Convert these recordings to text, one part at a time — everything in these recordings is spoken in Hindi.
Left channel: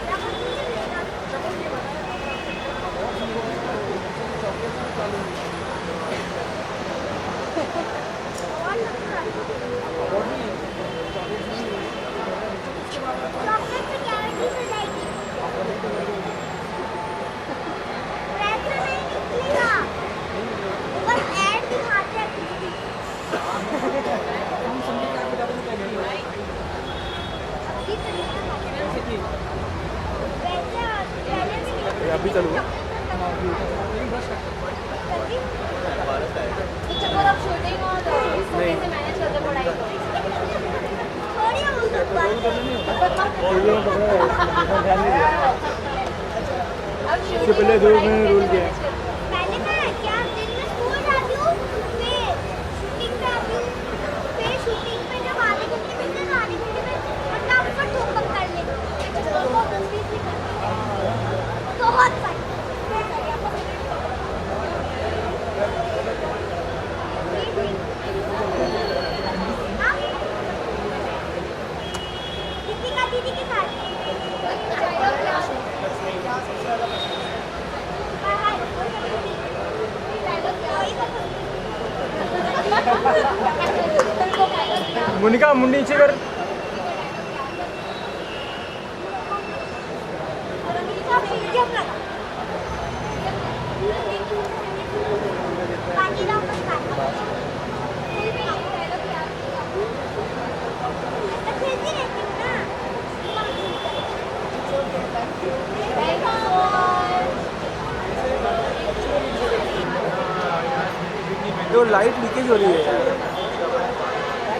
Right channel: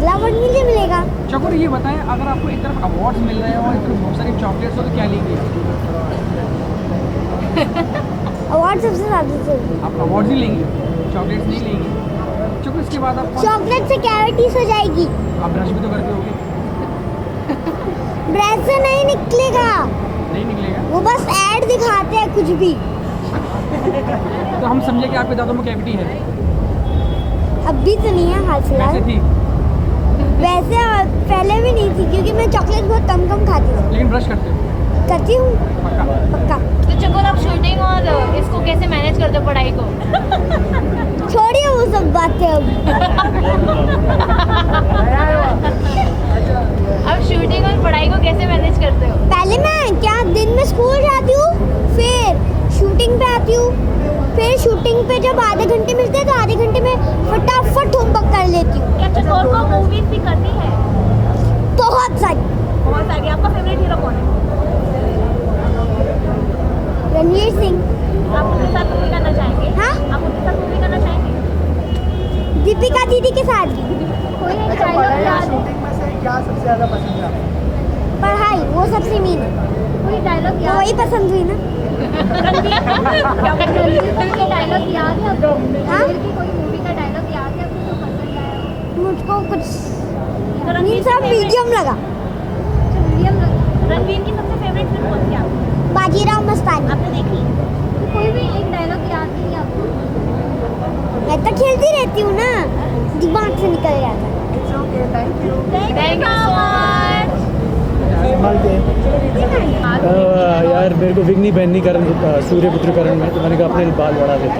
अगला अवार्ड मुझे मिलेगा। चकोर ये बताएं, अगर आपको एक तरफ अवार्ड्स मिल रहे हैं और बहुत सारी चॉकलेट्स, तो क्या लेंगे? अवार्ड सबसे ज़्यादा चाहिए। आप अवार्ड ही लेंगे, चॉकलेट्स नहीं लेंगे। चलो उसके बाद आप चॉकलेट से कैविटीज हो जाएगी। आप ब्रश भी तो करके होगे। ब्रेड से नहीं निकलेगा, नहीं निकलेगा वो बस ऐड दिखाते हैं कुछ भी। तो हम समझे कि आपके दांतों में कैविटी है। अभी तो नहीं है हाल फिलहाल। वैसे थी, वैसे पहले भी नहीं थी, क्योंकि मैं चॉकलेट बहुत कम कम खाती हूँ। लेकिन ब्रश करते हो। करती हूँ पक्का। तो चकोर आप शूटिंग और इसको कैसे मैनेज करते हो पढ़ाई को? छोड़िए वो सब बातें अभी। आप शूटिंग और पढ़ाई को कैसे मैनेज करते हो? पहले मैं क्या दिन में स्कूल जाती हूँ, फिर शूटिंग पे आती हूँ, फिर शूटिंग पे जब आधे घंटे मिलते हैं तो आधे घंटे में फटाफट होमवर्क कर लेती हूँ। क्या चकोर को मूवीज भी करती है? बहुत सारी। बहुत सारी। आपका फेवरेट हीरो कौन है? रणवीर सिंह। आप उनके साथ मूवी करना चाहेंगे? हाँ, आप उनके साथ मूवी करना चाहेंगे? दीपिका दीदी के साथ भी। कोई डायलॉग याद है? पढ़ाई वो सबसे मीन, कोई डायलॉग तो याद वही पसंद हुई ना। रणवीर का डायलॉग याद है? मोनिका मुंडी हाँ? कोई मूवी का डायलॉग याद है आपको पसंद आया? मुझको कुछ तो रणवीर सब मीडियम लगा। रणवीर की सबसे फेवरेट फिल्म कौन सी है आपको? बाजीराव मस्तानी। आपने देखी? कोई भी एक डायलॉग याद नहीं आपको? मैं तो खेलती रहती हूँ ना, दिमाग से निकल जाता है। Thank you so much. यार मेरे को विग नहीं पहननी करण सूर्यपुत्रीकरण में, तो मैंने कहा अपने बाल बढ़ा देता,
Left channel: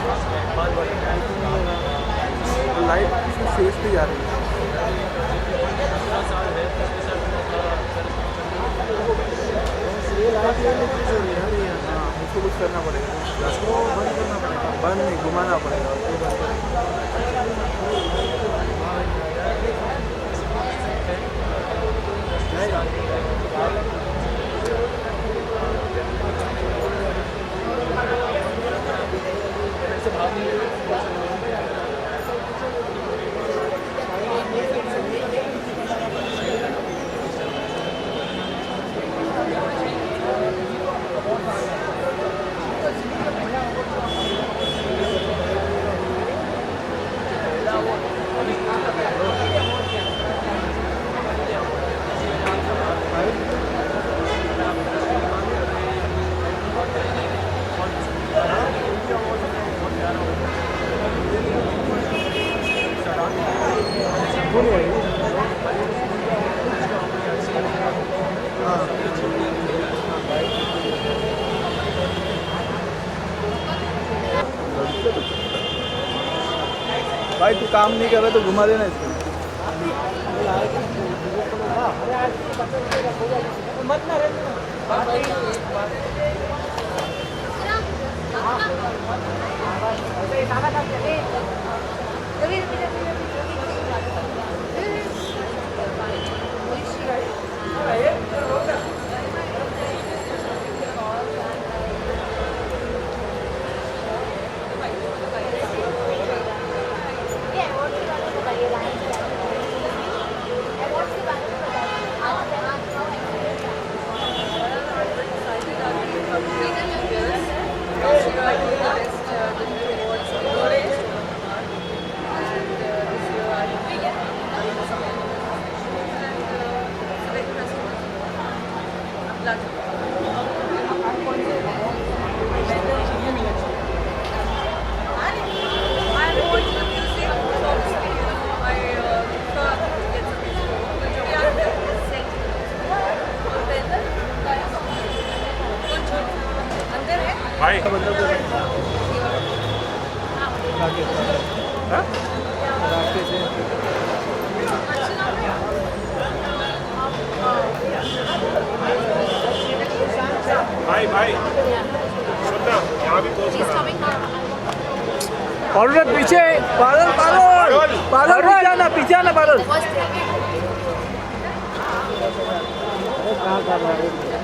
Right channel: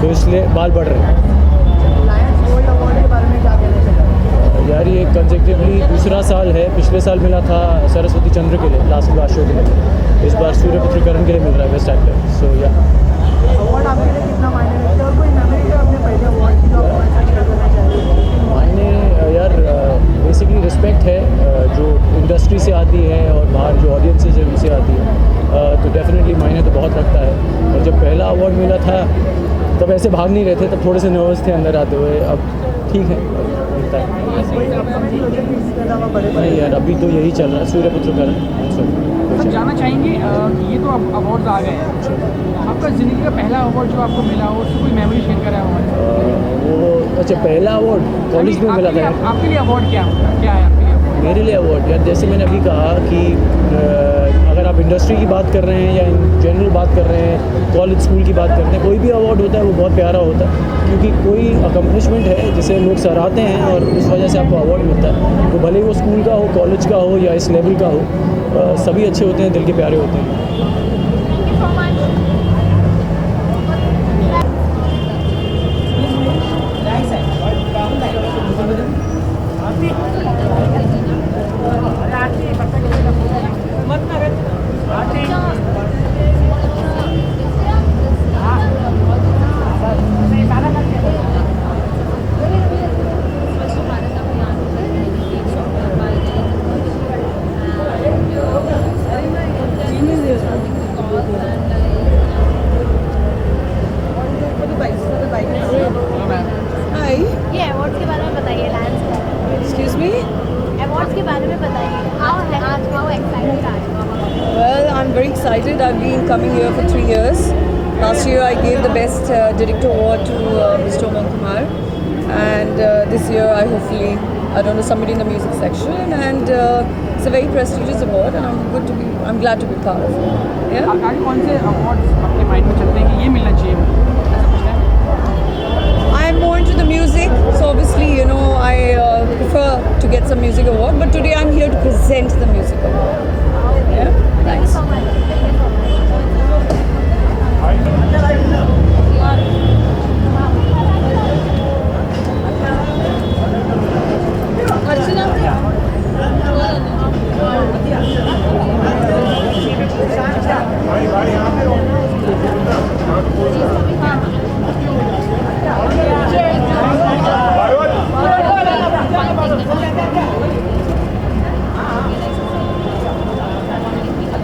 तो इसलिए बाल बढ़ रहे हैं। यार ये कंसेप्टिवली दूसरा साल है, पिछले साल मिला था सरस्वती चंद्र के लिए, लास्ट शो के लिए, इस बार सूर्यपुत्रीकरण के लिए मिल रहा है बेस्ट एक्टर। यार बेसिकली रिस्पेक्ट है जो इंडस्ट्री से आती है और बाहर जो ऑडियंसेज है उनसे आती है, तो डेफिनेटली मायने तो बहुत लगता है। और जब पहला अवार्ड मिला था तब ऐसे भाग नहीं रहे थे, तब थोड़े से नर्वस थे अंदर आते हुए, अब ठीक है बनता है। नहीं यार अभी तो यही चल रहा है सूर्यपुत्रीकरण। जानना चाहेंगे, ये तो अब अवार्ड आ गए, आपका ज़िंदगी का पहला अवार्ड जो आपको मिला हो, उसकी कोई मेमोरी शेयर करा हो? वो अच्छा पहला अवार्ड कॉलेज में मिला था। आपके लिए अवार्ड क्या है? मेरे लिए अवार्ड यार जैसे मैंने अभी कहा कि अगर आप इंडस्ट्री की बात कर रहे हैं या जनरल बात कर रहे हैं, कॉलेज स्कूल की बात कर रहे हैं, कोई भी अवार्ड होता है वो बहुत प्यारा होता है, क्योंकि कोई अकम्पलिशमेंट है जिसे लोग सराहते हैं और उस वजह से आपको अवार्ड मिलता है। तो भले वो स्कूल का हो, कॉलेज का हो या इस लेवल का हो, सभी अच्छे होते हैं, दिल के प्यारे होते हैं। भाई काम नहीं कर रहे तो घुमा देना। ये अवार्ड्स के बारे में बताइए, लायंस के बारे में। Excuse me? अवार्ड्स के बारे में बताइए। How excited are you? Well, I'm very excited. I've been coming here for 3 years. Last year I gave the Best Director Award to Mr. Oman Kumar. And this year I hopefully, I don't know, somebody in the music section. And it's a very prestigious award and I'm glad to be part of it. Yeah? आपके कौन से अवार्ड आपके माइंड में चलते हैं कि ये मिलना चाहिए? I'm more into the music, so obviously, you know, I prefer to get some music award. But today I'm here to present the music award. Yeah? Nice. भाई भाई सुनना यहाँ भी पोस्ट She's coming. पीछे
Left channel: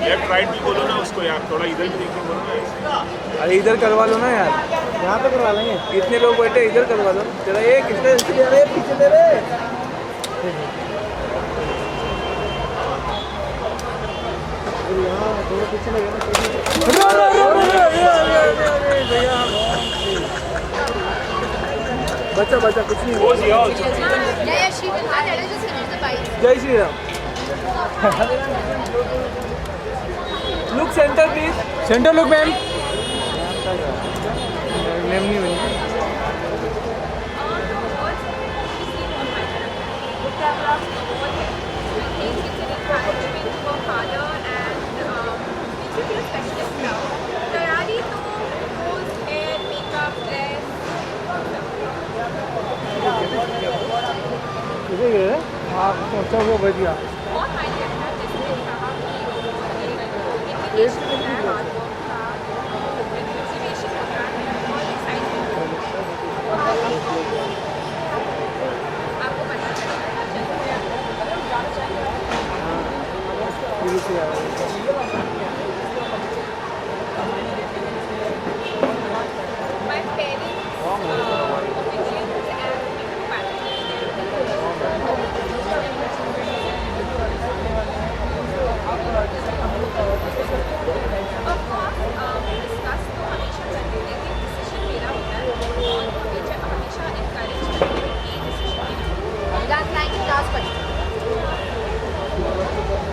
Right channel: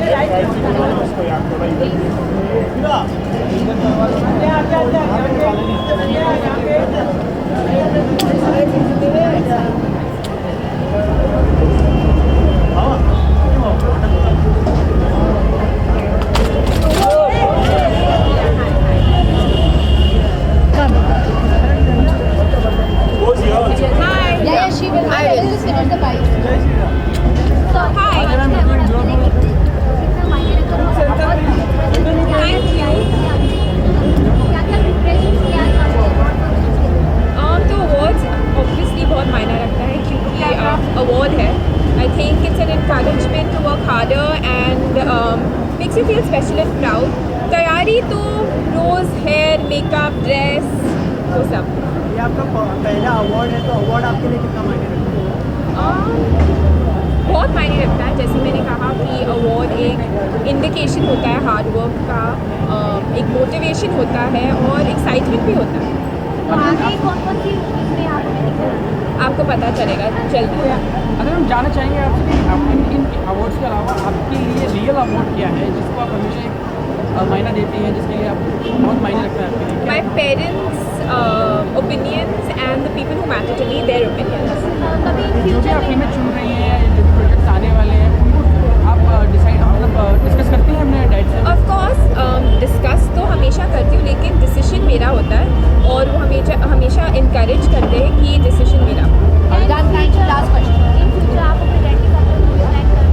लेफ्ट राइट भी बोलो ना उसको यार, थोड़ा इधर भी देखो। अरे इधर करवा लो ना यार, यहाँ पे करवा लेंगे, कितने लोग बैठे इधर करवा लो जरा, ये कितने Jai Shri Ram So hi. Look center please center look ma'am तो अवार्ड्स ऑब्वियसली बहुत मायने रखता है क्योंकि अवार्ड है I think it's an encouragement to work harder and makes you feel special and proud तैयारी तो नोज हेयर मेकअप ड्रेस वो सब ये आपका पहला अवार्ड है तो अवार्ड आपके लिए कितना मायने बहुत मायने रखता है जैसे मैंने कहा कि अवार्ड एक इंडिकेशन होता है हार्ड वर्क का एक मोटिवेशन होता है और एक्साइटमेंट भी होता है आपको पता चलेगा जल्दी अगर हम जानना चाहेंगे आपसे कि इन अवार्ड्स के अलावा आपके लिए रियल अवार्ड क्या है जिसको आप हमेशा मायना देती हैं जिसके लिए आप बहुत मायने रखता है आपके लिए? My parents' opinions and the people who matter to me, their opinions. जो भी आप फीमेल चुन रही हैं या जो प्रोजेक्ट्स आने वाले हैं उनको आप डिसाइड मतलब डिस्कस करते हैं अपने डैड से? Of course, discuss तो हमेशा करती हूँ लेकिन डिसीजन मेरा होता है और वो हमेशा इनकरेज करते हैं कि ये डिसीजन मेरा हो.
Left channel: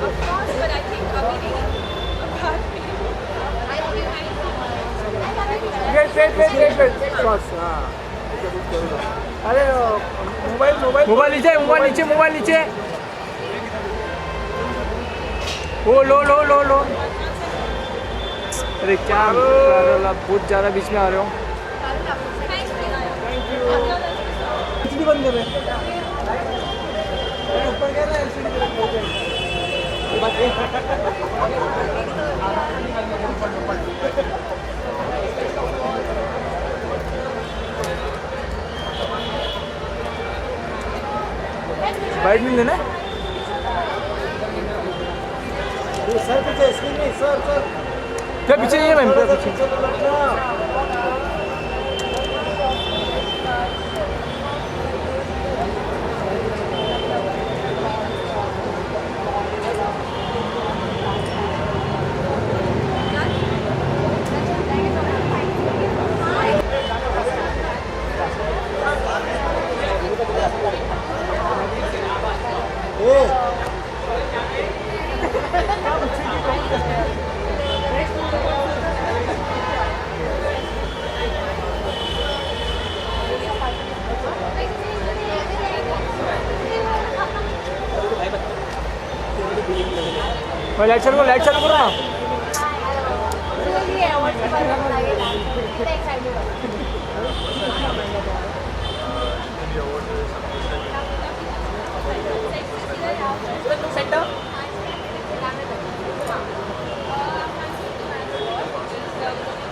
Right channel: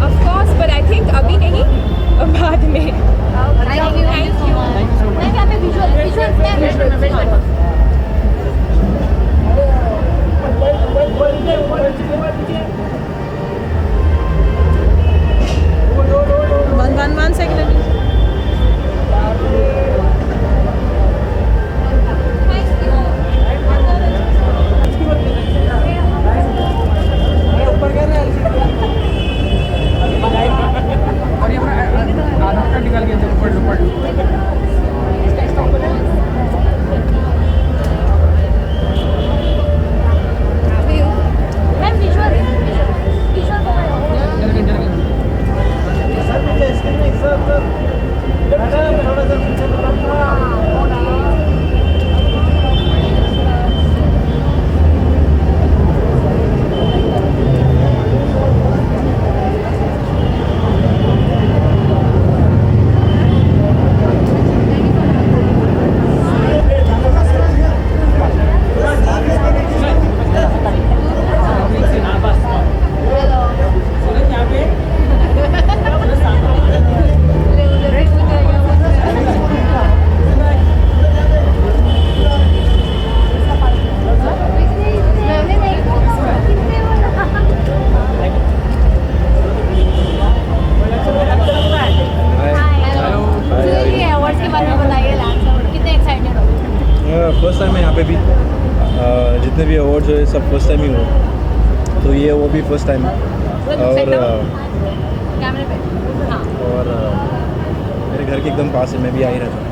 Of course, but I think अभी नहीं बाद में. अरे मोबाइल नीचे मोबाइल नीचे ओ लो One second. अरे क्या बहुत ज़्यादा बीच में आ रहे हो इसकी बंद कर अरे ऊपर कर रहे हैं और ये अपना आधार कार्ड निकाल के अंदर पढ़ लो साइड में लेना क्या पीछे ये मैम इलेक्शन हो रहा है अवार्ड्स के बारे में बताइए कितने एक्साइटेड हो फर्स्ट टाइम है यहाँ पे भी जितने भी अवार्ड है सब फर्स्ट टाइम ही हो तो ये वो भी फर्स्ट टाइम है कैमरे पे हाँ और मेरे घर के एकदम पास है मैं भी आ ही रहता हूँ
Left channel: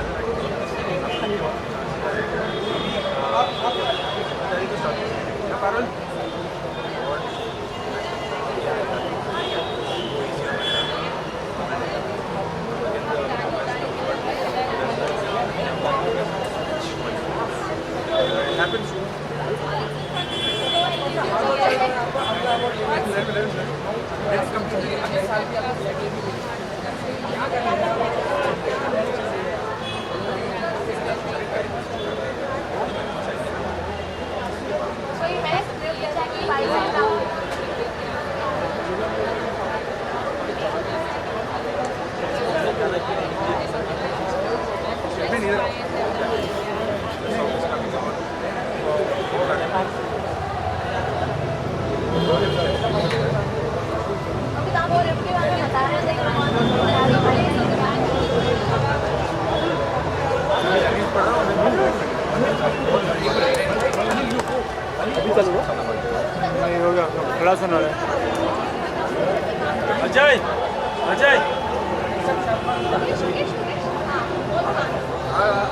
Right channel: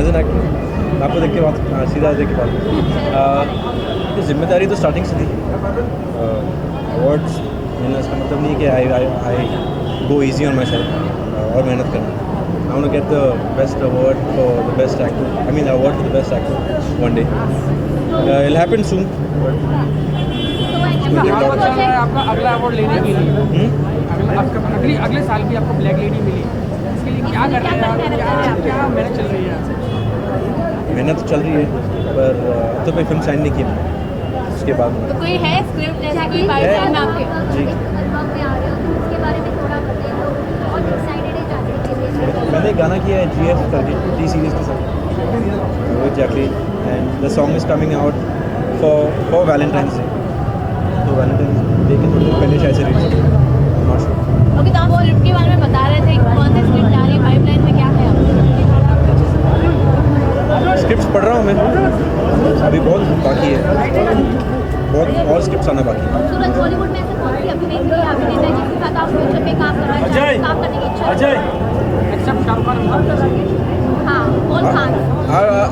एज एन एक्टर आपको देख के सीधा देख के बात जिम्मेदारी तो स्टार्टिंग से थी अवार्ड्स मिलना इसका मतलब नहीं कि I go easy on myself और मेहनत करना I want to get the best award for the best actor I mean award for the best actor one day it happen soon हाल चल रहा है आपका अगला अवार्ड लेने के लिए अगले साल भी आपको ब्लैक लेडी मिली क्या कर रहे हैं आप क्या मेहनत चल रही है मेहनत तो चल रही है पर अब तो कोई फिल्म साइन नहीं की उसके बाद तो कोई है स्क्रिप्ट जैसा कि पाइपलाइन आपके मैंने गाना किया है GF करके टी सीरीज के साथ exactly and the song is coming out for Valentine's day तो वैलेंटाइंस डे के पहले शायद से रिलीज अभी तो आप स्क्रिप्ट के बारे में बता रहे थे कौन सी स्क्रिप्ट आ रही है पाइपलाइन में क्या है स्क्रिप्ट पढ़ रहा हूँ मैं अभी बहुत बाकी है बहुत और स्क्रिप्ट आना बाकी है सूरज बॉलीवुड में अजय अजय एक्सेप्ट शाहरुख खान हाँ और Khan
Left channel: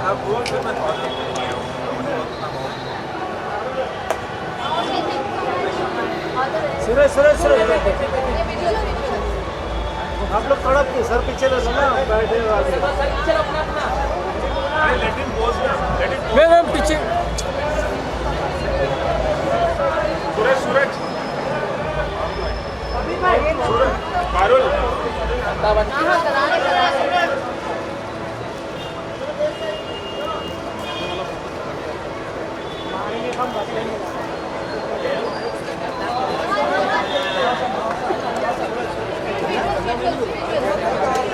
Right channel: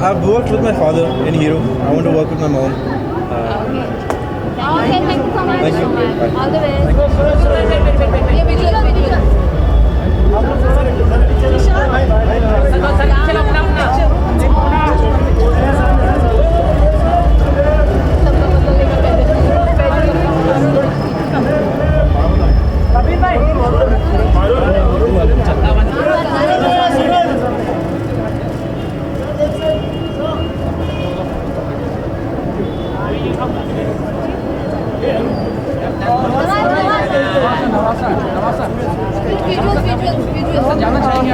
I've worked with my father in Hero. I want to work with my mom. Okay thank you so much Thank you. All the best Suresh ये वीडियो आप लोग थोड़ा सर पीछे पीछे आरोह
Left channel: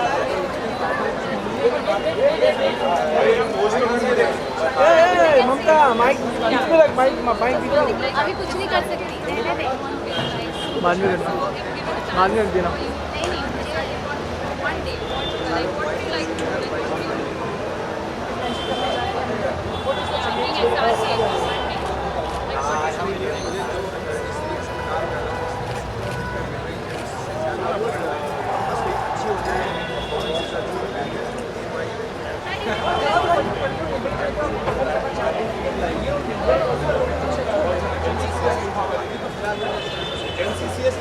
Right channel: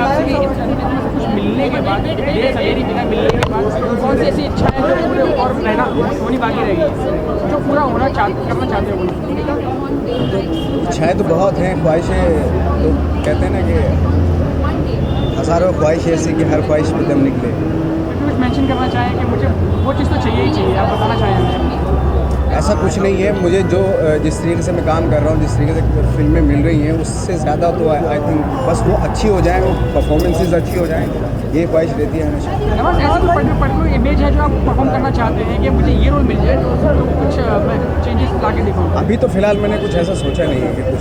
आपसे कि कुछ मिलने के बाद ये सवेरी बिना मिलने के बाद कौन सी ऐसी इच्छा है होनी बाकी रहेगी जो पूरा होना अभी कुछ नहीं कर सकते इच्छाएँ तो बहुत हैं, ख्वाहिशें तो कहते हैं ना कि हज़ारों ख्वाहिश ऐसी कि हर ख्वाहिश की दम निकले। मेंशन करना चाहें कि मुझे वो चीज़ तो चाहिए ही चाहिए आप बोलना चाहेंगे ऐसा कुछ नहीं है, मुझे जो जिस तरीके से मैं काम कर रहा हूँ, जिस तरीके से फिल्में मिल रही हैं, उससे ज़्यादा तो आई थिंक बस वो अच्छी हो जाए, वो परफॉर्मेंसेज अच्छी हो जाएँ, ये ख्वाहिश रहती है हमेशा। ऐसी पर्टिकुलर इमेज है जो आप परफॉर्म करना चाहते हैं कि मुझे ये रोल मिल जाए तो कुछ चेंजेस ला के दिखाऊंगा। अभी तो फ़िलहाल मैंने कुछ ऐसा सोचा नहीं है कि कुछ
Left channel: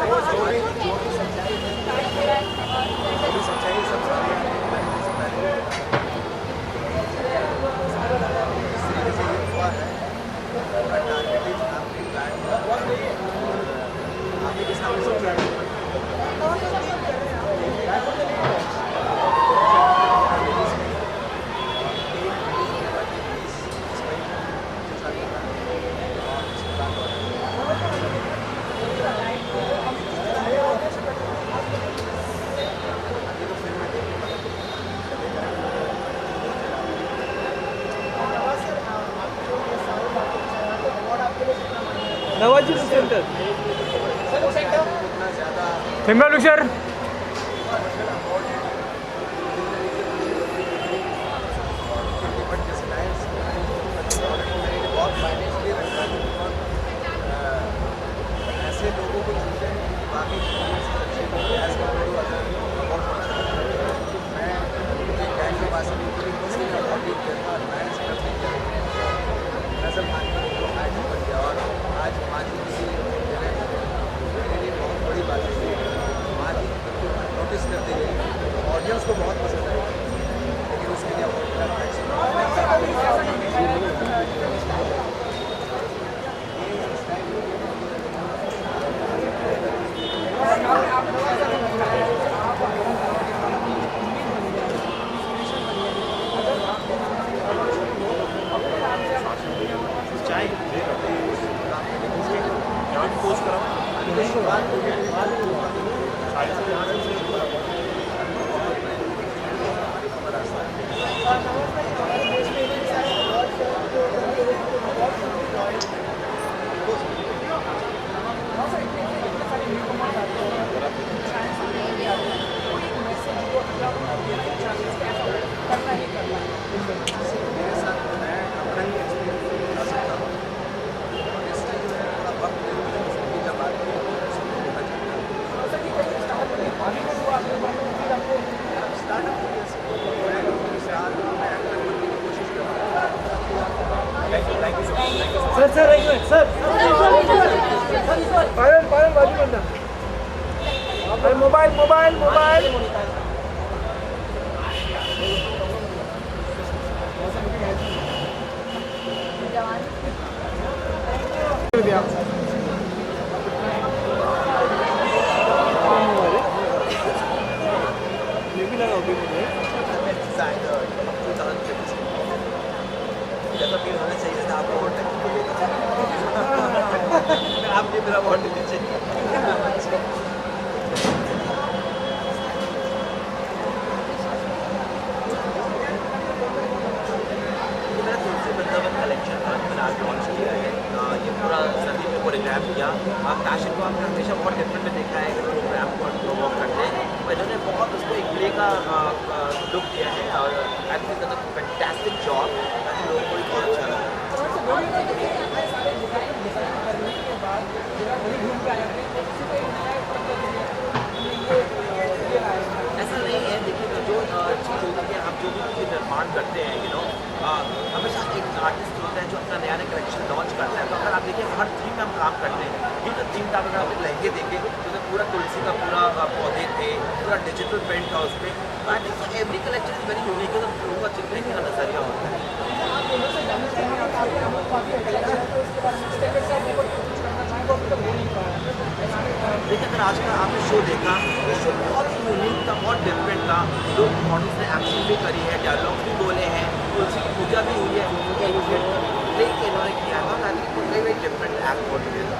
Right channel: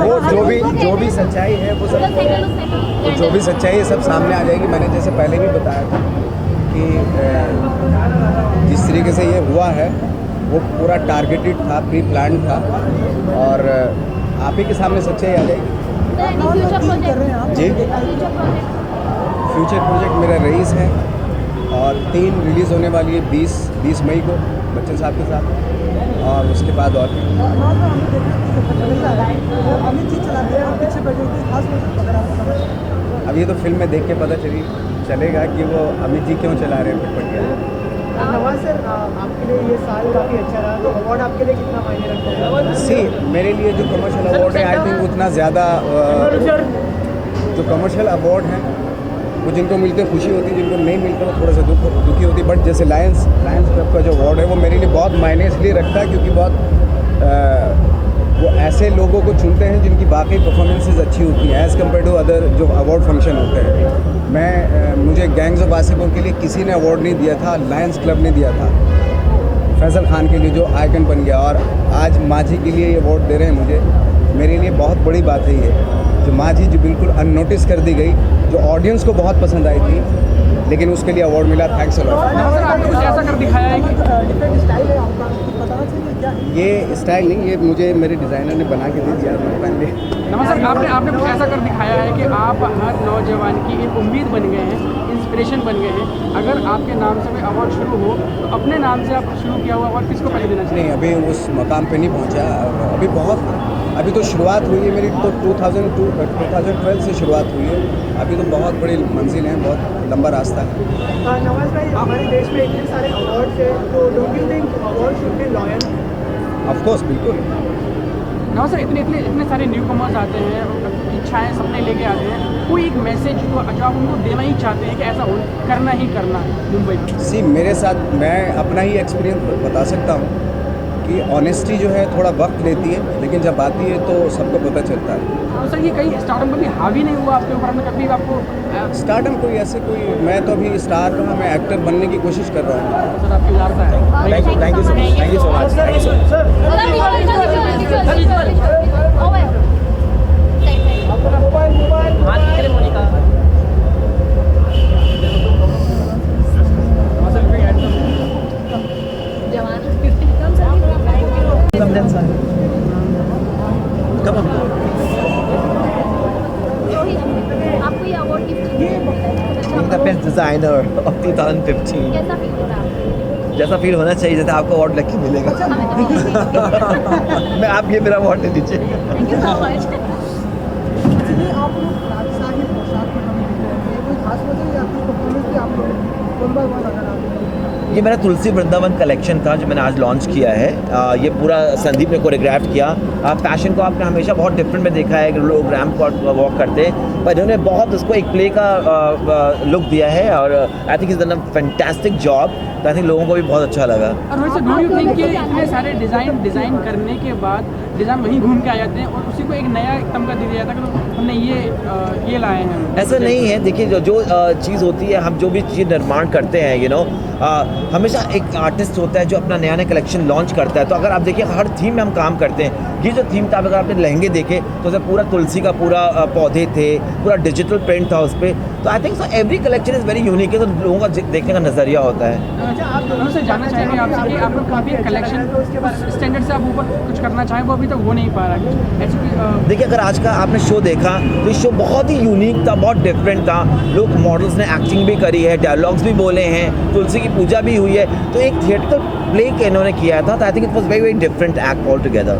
वो जो भी सच्चाई है वो सब जो भी सच्चाई है सब सामने आ जाएगी। मैंने जैसे पहले भी बताया था कि जिस तरीके से ये हुआ है वो पूरा टारगेटेड था, प्री प्लान था और आप ही के सामने सच्चाई आ जाएगी। जी, फ्यूचर प्रोजेक्ट मेरा रईस है और 3 रिलीज़ होने वाली है 20 मई को बच्चन साहब के साथ और उसके बाद और अब ये तो फिल्म में देख के पता चलेगा कि वो अमित जी क्यों चला रहे हैं। मेरे लिए जो कमर्शियल अवार्ड है आई थिंक उतना ज़्यादा जो कमर्शियल अवार्ड हैं वो जिनको मिलते खुशी होती है, जिनको नहीं मिलते वो थोड़ा सा दुखी होती है। बट जैसे लायंस क्लब का जो अवार्ड है वो मेरे लिए बहुत मायने इसलिए रखता है क्योंकि बहुत वो ऐसे लोगों को चुनते हैं जिनकी बाकी परफॉर्मेंसेज अच्छी होती हैं एज़ कम्पेयर टू अदर जो अवार्ड फंक्शन होते हैं। मुझे गैंग्स ऑफ वासेपुर के लिए किसी ने अवार्ड नहीं दिया था, लायंस क्लब ने दिया था फैसल खान के लिए जो आइकन बन गया और आज माझी के लिए ये अवार्ड दे रहे हैं मुझे। मेरे लिए बहुत बड़ी बात है ये जो माझी जो बिल्कुल अननोटिस कर दी गई, जो ऑडियंस को बहुत पसंद आई थी, लेकिन उसके लिए अवार्ड मिला। Thanks a lot. ऐसा कर दिखाया है कि ये स्टाइल नहीं, ये मुझे मेरे डिज़ाइनर ने बना के दे दिया मैंने पहले। नमस्कार, आपने वो ऐसा कर दिखाया है कि आप हर नौजवान की एक उम्मीद बन गए हैं, इंस्पिरेशन बन गए हैं। अगर आपके नाम से अवार्ड शुरू हो तो अपने नाम से आप शुरू किया हुआ अवार्ड किसको पहले देना चाहिए? नहीं, अभी उस मकाम पे नहीं पहुंचा, अभी तो शुरुआत हुई है मेरी, तो 2012 से शुरुआत हुई है। अभी तो बहुत बड़ी मंजिल है, बहुत लंबा रास्ता है। नवाज भाई, हमारे देश में इतने सारे अवार्ड्स हैं तो don't you think award should be loyal? Of course, बिल्कुल। ना सर, इतने सारे न्यू कमर्स आते हैं, इच्छाएँ सपने लेके आते हैं, कोई एक मैसेज जो अगर आप उनको देना ही चाहते हैं कि ऐसा हो करना ही करना मुंबई सी मेरे साथ मैं अपना ही एक्सपीरियंस बता सकता हूँ कि ऑनेस्टी जो है थोड़ा वक्त लेती है, लेकिन जब आती है तो सबको पता चलता है। सर, ये कहीं स्टार्टअप में भी हावी नहीं हुआ आपके ऊपर में कभी आपको? स्टार्टअप कोई ऐसे कोई, मैं तो अभी स्टार का, मैं एक्टर बनने की कोशिश कर रहा हूँ। सर, आपको यार था। Thank you so much. आपको ये award the best designer of 2015. कैसा फील हो रहा है? जैसा फील होना चाहिए, जैसा आपको अवार्ड लकी मिलेगा। मैं आप ये मेरा अवार्ड दे दीजिए। ये मेरा तुलसी वृंदावन कलेक्शन था जो मैंने आज लॉन्च किया है। ये पूरा संदीप ने कोरियोग्राफ किया। फैशन को आपने हमेशा बहुत डिफरेंट में देखा है कि लोग रैम्प वॉक करते हैं, पर इन्होंने बहुत उसको एक प्ले का लुक दिया है और I think is done a fantastic job. I think लोगों को भी बहुत अच्छा लगा। और वैसे डू यू थिंक कि इतने सारे डिज़ाइन करने के बाद डिज़ाइन वहीं घूम के आ जाते हैं और उसी को एक नया तमगा दे दिया जाता है कि हमने ये लाए हैं? ऐसा नहीं है। देखिए, जो चीज़ होती है, हम जो भी चीज़ निर्माण करते हैं हमेशा एक आर्टिस्ट होता है जो अपना नया नया कलेक्शन लॉन्च करता है। तो अगर आप देखिए हर थीम में हम काम करते हैं। ये जो थीम था, अगर आपने लहंगे देखे तो उसमें पूरा तुलसी का पूरा पौधे थे, पूरा डिजिटल प्रिंट था उस पर। तो I think so every collection is very unique है, तो लोगों का देखने का नज़रिया होता है। आप उनसे जानना चाहेंगे आपसे कि आप लोग अभी कलेक्शन स्टैंडर्ड से आप ऊपर कुछ करना चाहें, वो अभी तक हो नहीं पा रहा है। देखिए, अगर आज का आपने शो देखा तो ये शो बहुत ही यूनिक था, बहुत डिफरेंट था। लोग मॉडल्स ने एक्टिंग भी करी है, डायलॉग्स भी बोले हैं, तुलसी की पूजा भी भी हुई है। तो एक थिएटर प्ले के इन्होंने किया था, तो I think it was very very different act all together.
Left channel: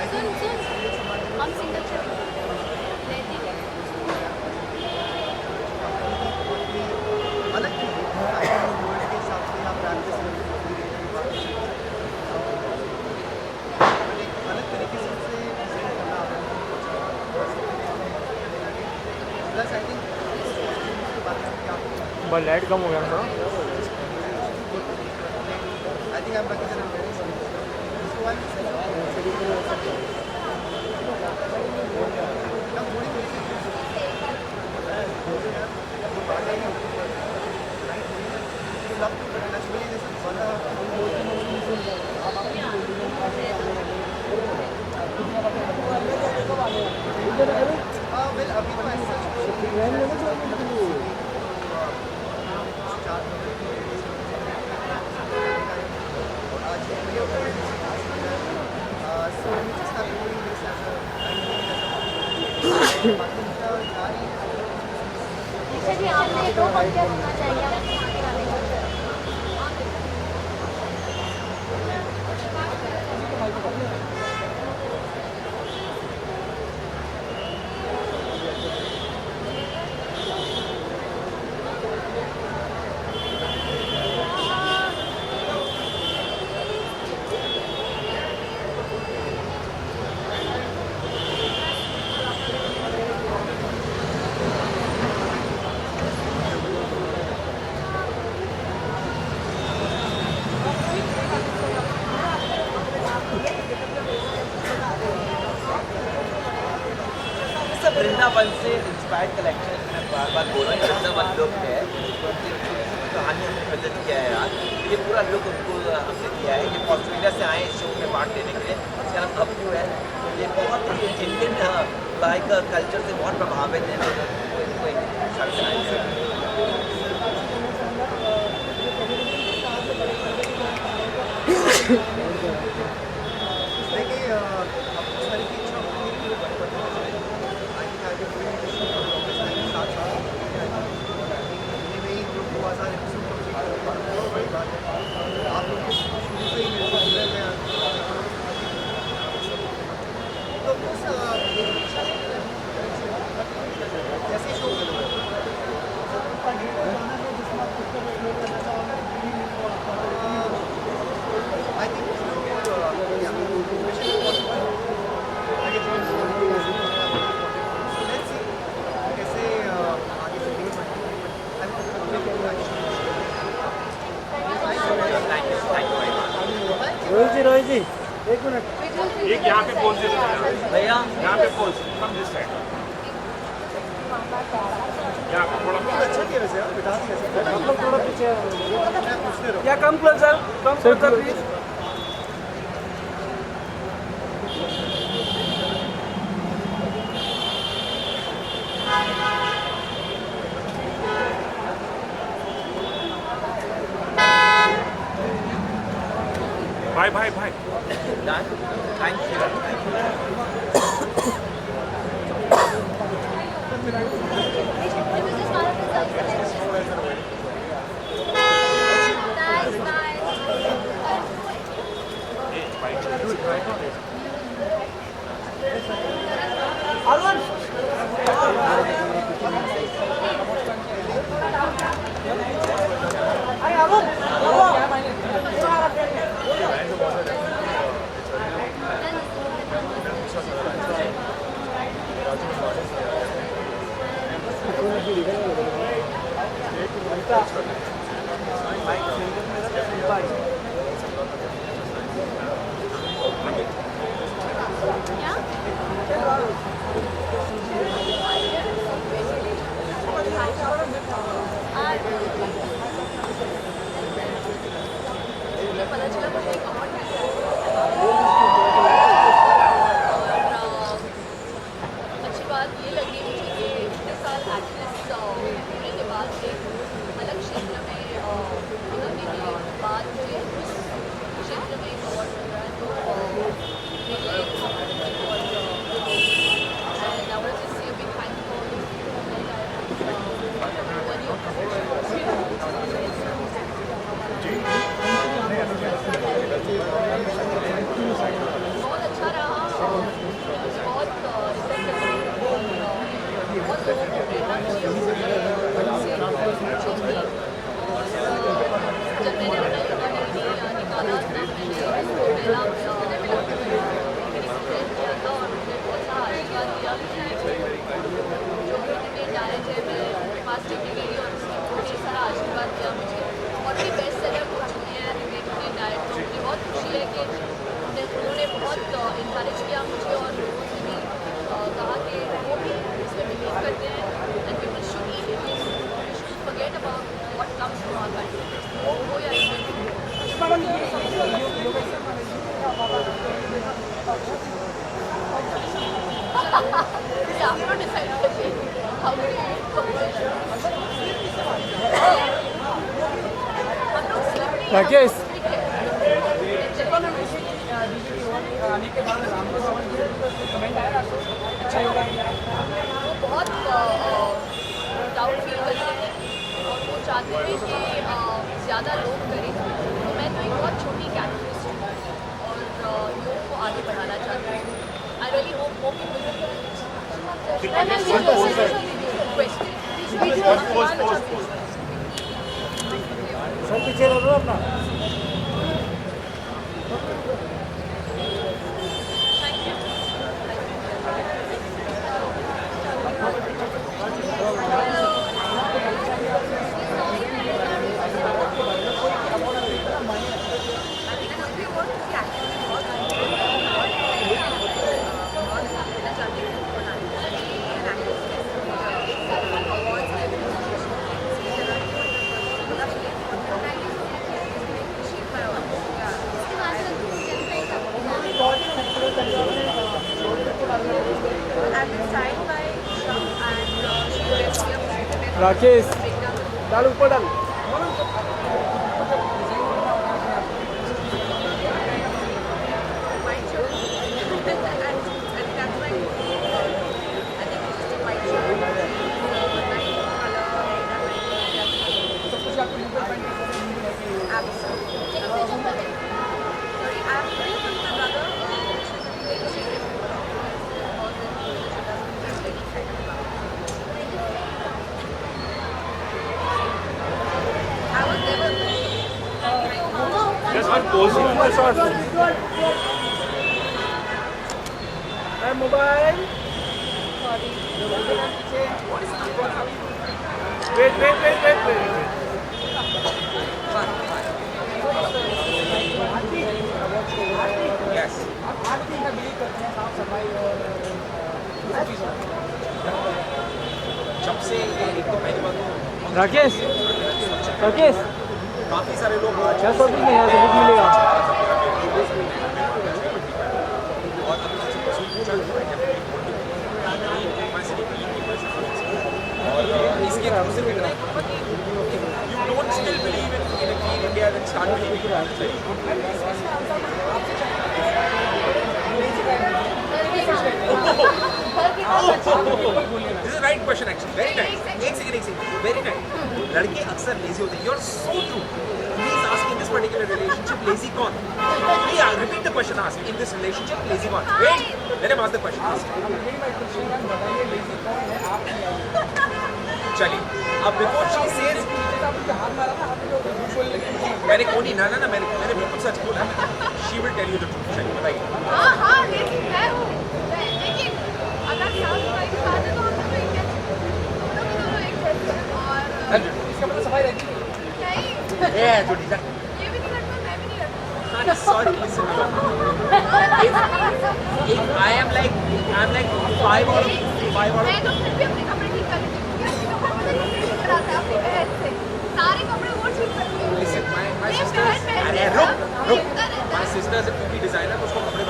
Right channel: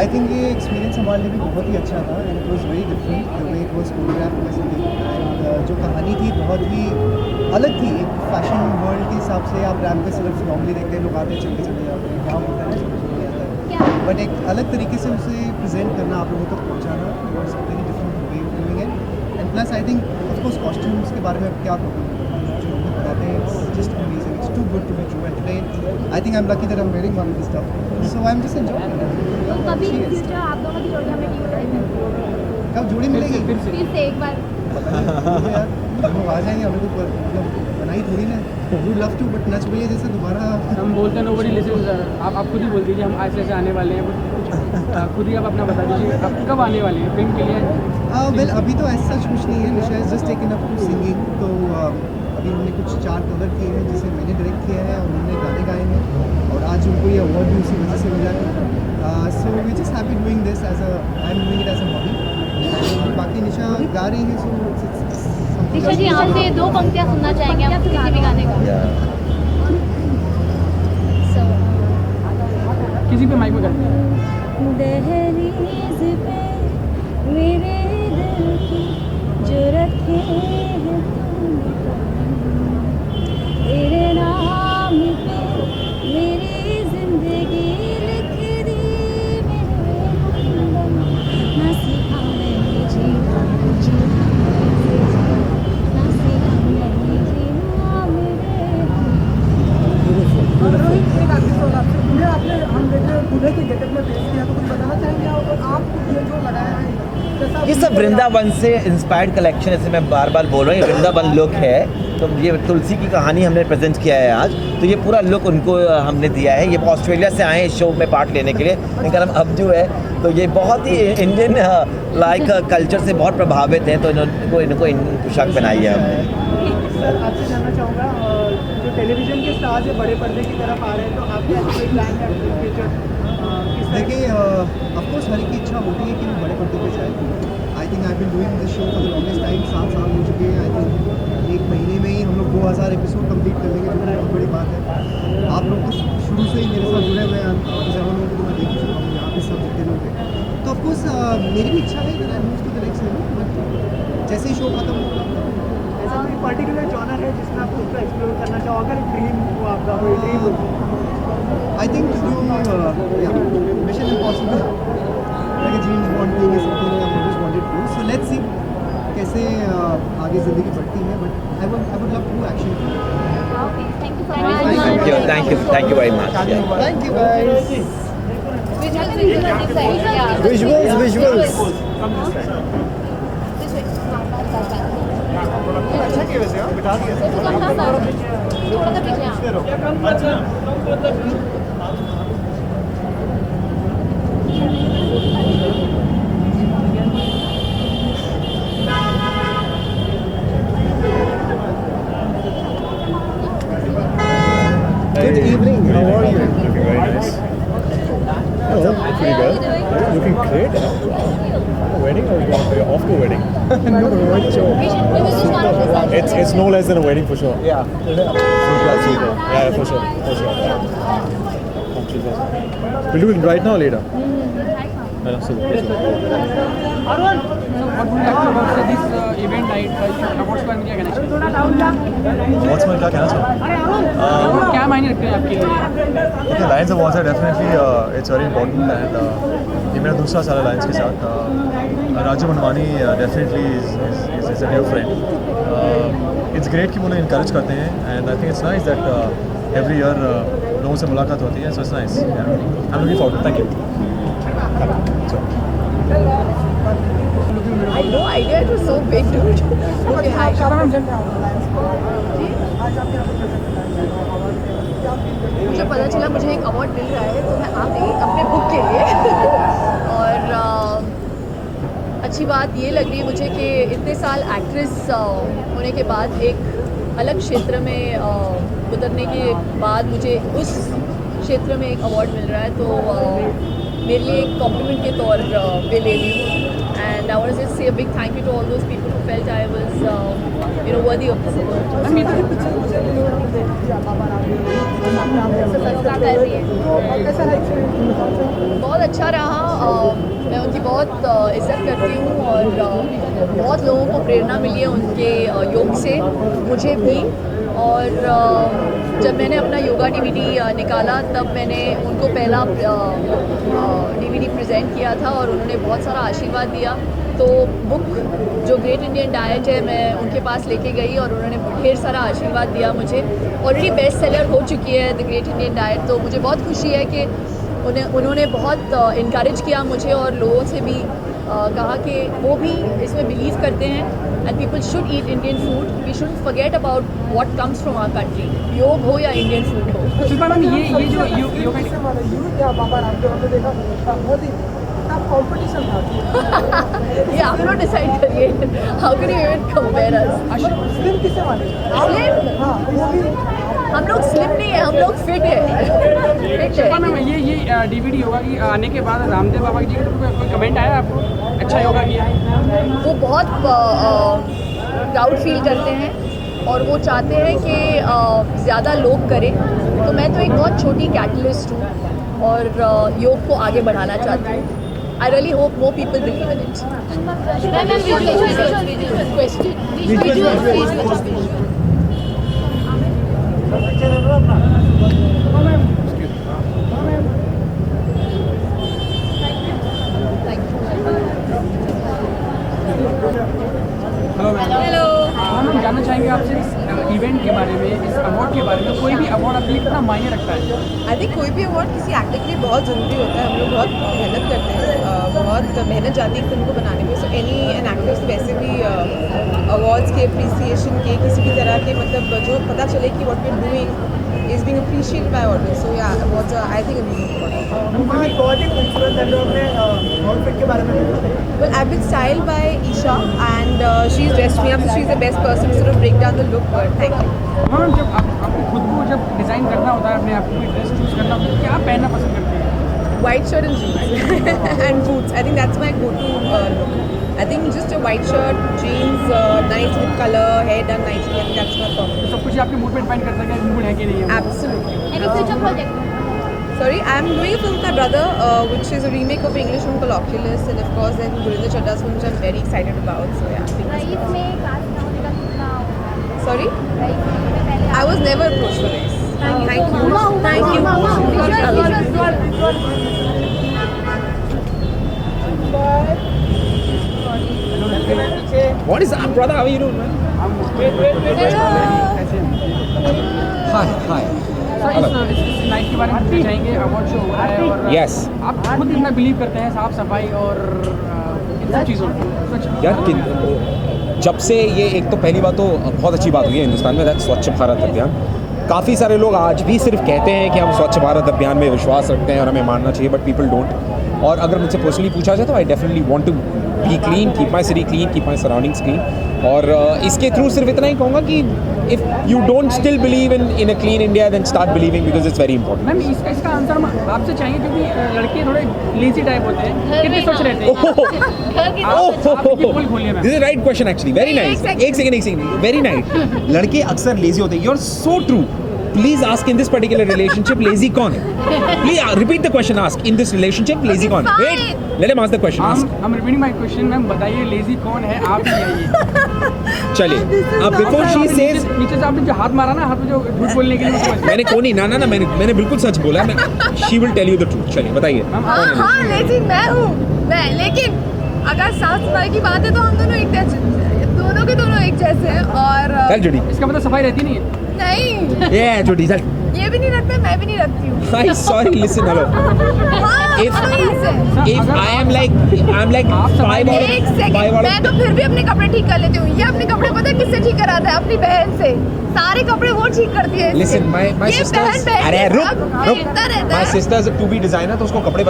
I think ये एक्सपीरियंस हमारे लिए बहुत ही अच्छा था, इट वॉज वेरी डिफरेंट। जो कहानी थी बहुत ही अलग थी फैशन वर्ल्ड के हिसाब से। आप रैम पे सिर्फ नॉर्मली देखते हैं लोग आते चलते बट एक अलग तरीके से उसे प्रेजेंट करना आप लोगों को पहुँचाना। Plus I think of course costumes के बारे में क्या लाइट कम हो गया था। Too good to be true. I think I am lucky that I am wearing some of this stuff, so I am just enjoying. कभी फ्यूचर आप लोगों की प्रोजेक्ट कब जोड़ी मिलेगी प्लीज से एक बार लोग आ जाएंगे, हमें तो बनाई थोड़ी ना वी लव टू, बट नच बोलिए जैसे दोबारा हम बोलते हैं नोबडी लिसन्स। आप खुद ही बोल दीजिए हम आज से आने वाले हैं, खुद ही आप अपना बता दीजिए आप कब आने वाले हैं फिल्म के लिए। वेल अभी तो ऐसा कुछ नहीं है, विषय just taken up to singing. तो अभी हमने कुछ 4 कवर किए हैं जिसे मैंने डायरेक्ट किया है, उन्होंने गाने गाए हैं और आज उनको ये अवार्ड भी उसी वजह से मिला है। So we just have been doing this as a I am doing it as a hobby. बाकी निशा गा रही है, सो ऋषि जी आपसे 2 पंक्तियाँ सुनना चाहेंगे आप किसी भी गाने का? किसी पे माइक में करते हैं। ये सब वृंदावन से इंस्पायर्ड कलेक्शन, जैसे मैं बार बार बोल रहा हूँ, ये वृंदावन लुक है। तो ये तुलसी की कहानी हमने प्रेजेंट किया है आज, तो ये पूरा लुक उनको हमने दिया है। ये ऑस्ट्रेलिया से आए इस शो में पार्ट लेने के लिए, इनका नाम अब्जू है। तो ये बहुत ही इंडियन लाइक कल्चर से बहुत प्रभावित हैं, तो इनको पोशाक पहनाई है हमने। टेलीविजन के स्टार जो बड़े पर्दे की तरफ आ रहे हैं, तो आप देखिए ऑफकोर्स हर की इच्छा होती है कि वो बड़े पर्दे पे जाए। I think I been doing this show for the longest time, 7 साल हो चुके हैं। आई थिंक 1 महीने में ही हम लोग 2000 एपिसोड कंप्लीट कर लेंगे, जो बहुत बड़ी बात है। आप लोग शुरू से ही मेरे साथ जुड़े हुए हैं, जहाँ को मैं देख चुका हूँ, यहाँ पे सब देखते लोग। तो ऑफकोर्स मेरी भी इच्छा है कि मैं मूव टू बट जैसे ही शो खत्म हो पर्टिकुलर जाना है जिसमें आपको एक्सप्लोर करना चाहोगे ड्रीम को आपका I think Mission Impossible, like a James Bond movie, something that I've always wanted to do. So let's see कैसे आगे ज़िंदगी बढ़ती है, but I would love to do action. Thank you very much. Thank you guys. Visuals. अच्छा किया वैसे यार, बिठा दिया। क्या कम हुआ sir please. Good evening. How are you? Bye. Oh, pretty well. Looking great. Wedding or you're off to a wedding? It's no less than a wedding for sure. Yeah. Yeah, for sure. Yeah. We'll do it right now or later? Event night awards का क्या कहना What's my क्या चाहिए? क्या मायने रखते हैं आपके लिए? Okay, Lions Awards are definitely it's very important and ये मेरा दूसरा साल है Lions के साथ। Raju Manwani definitely is a dear friend. It's great कि वो लोग encourage करते हैं and I think it's nice that every year लोगों से मुलाकात होती है, so it's nice. I'm looking forward. Thank you. I have no idea, it was so big. Okay, hi. मुझे पता चला मुझे एक अवार्ड मिल रहा है, तो मैं आ गई अपने बुक के लिए। और अच्छी बात ये लग रही है मुझे कि इतने साल एक्ट्रेस होने के बाद एक अलग क्षेत्र में उतरने के बाद मुझे उस क्षेत्र में एक अवार्ड मिल रहा है, तो मेरे लिए एक कॉम्प्लीमेंट के तौर पे ले रही हूँ। I want to just say a big thank you to all those people who felt I was, worthy of this award. बहुत अच्छा रहा, मैं उनकी बहुत इज्जत करती हूँ और बहुत लोगों को प्रेरणा मिली है उनके योग से, मुझे भी। और जब मैंने अपना योगा DVD निकाला तब मैंने उनको पहला DVD प्रेजेंट किया था और उन्होंने बहुत सारा आशीर्वाद दिया। तो बुक जो ग्रेट इंडियन डाइट है मैं उनके पास लेके गई और उन्होंने ढेर सारा आशीर्वाद दिया मुझे। ऑलरेडी बेस्ट सेलर हो चुकी है द ग्रेट इंडियन डाइट, तो मुझे बहुत खुशी है कि उन्होंने बहुत इनकरेज किया मुझे और लोगों से भी कहा कि वो भी इसमें बिलीव करते हैं and people should eat Indian food, we should forget about what comes from our country, योग हो या इंडियन फूड हो। शिल्पा मैम, ये जो योगा ये आप लोग डिसाइड करिए, how can you even compare us? हम लोग स्लिम नहीं है, हम लोग फिट है। ये DVD योगा की आने के बाद रामदेव बाबा जी का कोई कमेंट आया आपको? अच्छा योगा किया? वो बहुत प्राउड फील करते हैं और वो चाहते हैं कि ज़्यादा लोग करें, तो मैं तो एक बहुत छोटी कैटलिस्ट हूँ और योग को आगे बढ़ाना चाहती हूँ। I really hope more people will do it. Hello, हम जानना चाहेंगे आपसे इस इवेंट के बारे में, इस अवार्ड के बारे में। कोई भी अवार्ड आपके लिए कितना मायने रखता है? आई थिंक कोई भी अवार्ड किसी एक्टर के लिए बहुत ज़रूरी होता है। हम लोग बहुत मेहनत करते हैं, बहुत मेहनत जाती है फिल्म को बनाने में। सो एनी एन एक्टर्स वैसे भी अवार्ड्स के अप्रिसिएशन के किसी भी तरह के मतलब जो पता चले कि what we are doing is being appreciated by audience. So yeah what I think well, I've been styled by Isha and she's dressed me up. She's the best person to break down the look. Ma'am, जब आपको खुद को जब डिज़ाइन करना होता है, अपने आप को ड्रेस चूज करना होता है, क्या पहनना पसंद करते हैं? White shirt and jeans and boots. I think that's my go-to look. I think just a white shirt, jeans, nice with color, hair done nicely. I think that's my top. सब कुछ आपके मूड पे डिपेंड करता है कि मूड है कि नहीं है? Absolutely. Any future project? Sorry, I'm doing a film with my brother, which is a remake of the English film called Oculus, and of course then Gurinder Chadda's film, which I'm very excited about. So yeah. Sorry? I was never approached for this. Thank you. Thank you. What is up, brother? How are you doing? Wait. Hi. Sir, इस नाइट के बारे में पूछना चाहेंगे। अवार्ड शो हो रहा है और Yes. आप खुद इतना बिलीव करते हैं साफ सफाई और सब चीज़ों में? यार जब से ये एक तो पहली बात तो बहुत अच्छी बात हुई है हिंदुस्तान में, स्वच्छ भारत अभियान। काफ़ी सारे लोग आज भी सिर्फ कहते हैं कि हम स्वच्छ भारत अभियान में विश्वास रखते हैं और हमें मानना चाहिए, बट पीपल डोंट। और अगर मुझसे पर्सनली पूछा जाए तो I definitely want to be clean, keep my city clean, keep my surroundings clean. और इसके थ्रू सिर्फ इतना ही कहूँगा कि if you don't still believe in a clean India then start believing, because it's very important. Ma'am, इसका आंसर हम आपसे चाहिए क्योंकि लड़के थोड़े लेजी टाइप होते हैं, कितने स्वच्छ रहते हैं? This is right question actually, very nice. एक सेकंड, वेरी नाइस। लड़के अक्सर लेजी होते हैं, you are so true. Please ask in this particular relationship, lazy कौन है? Please repeat the question. Ask in this relationship, lazy कौन है? Wait, let him ask the question. Ask. I'm repeating my question, ma'am. बताइए लेजी कौन है? आप ही आइए। चलिए, अब before she says, नीचे से आपने जो हाथ मारा ना, हाथ में जो झूठ बोलने के लिए, मैंने कौन ही ना मैंने बिल्कुल सच बोला। मैं she will tell you the truth. चलिए बताइए। हाँ, लेकिन मैं हूँ, लेकिन अगर साफ सफाई की बात है तो हम दोनों एक जैसे, दोनों के दोनों एक जैसे हैं। और जुड़ी, इसका मतलब सफाई रहती नहीं है? नहीं, जुड़ी चल। ये भी नहीं रखते, मैं भी नहीं रखती हूँ। Sorry, listen, hello. If I am like 5 out एक सेकंड, मैं तो फिर भी अपने कपड़े ठीक कर लेती हूँ। ये अपने कपड़े पता है किससे ठीक कराता है? अपनी बहन से। सारे कपड़े वो ठीक करती है। Listen, my sisters, अरे रुक, my sisters to be designer, तो उसको कपड़े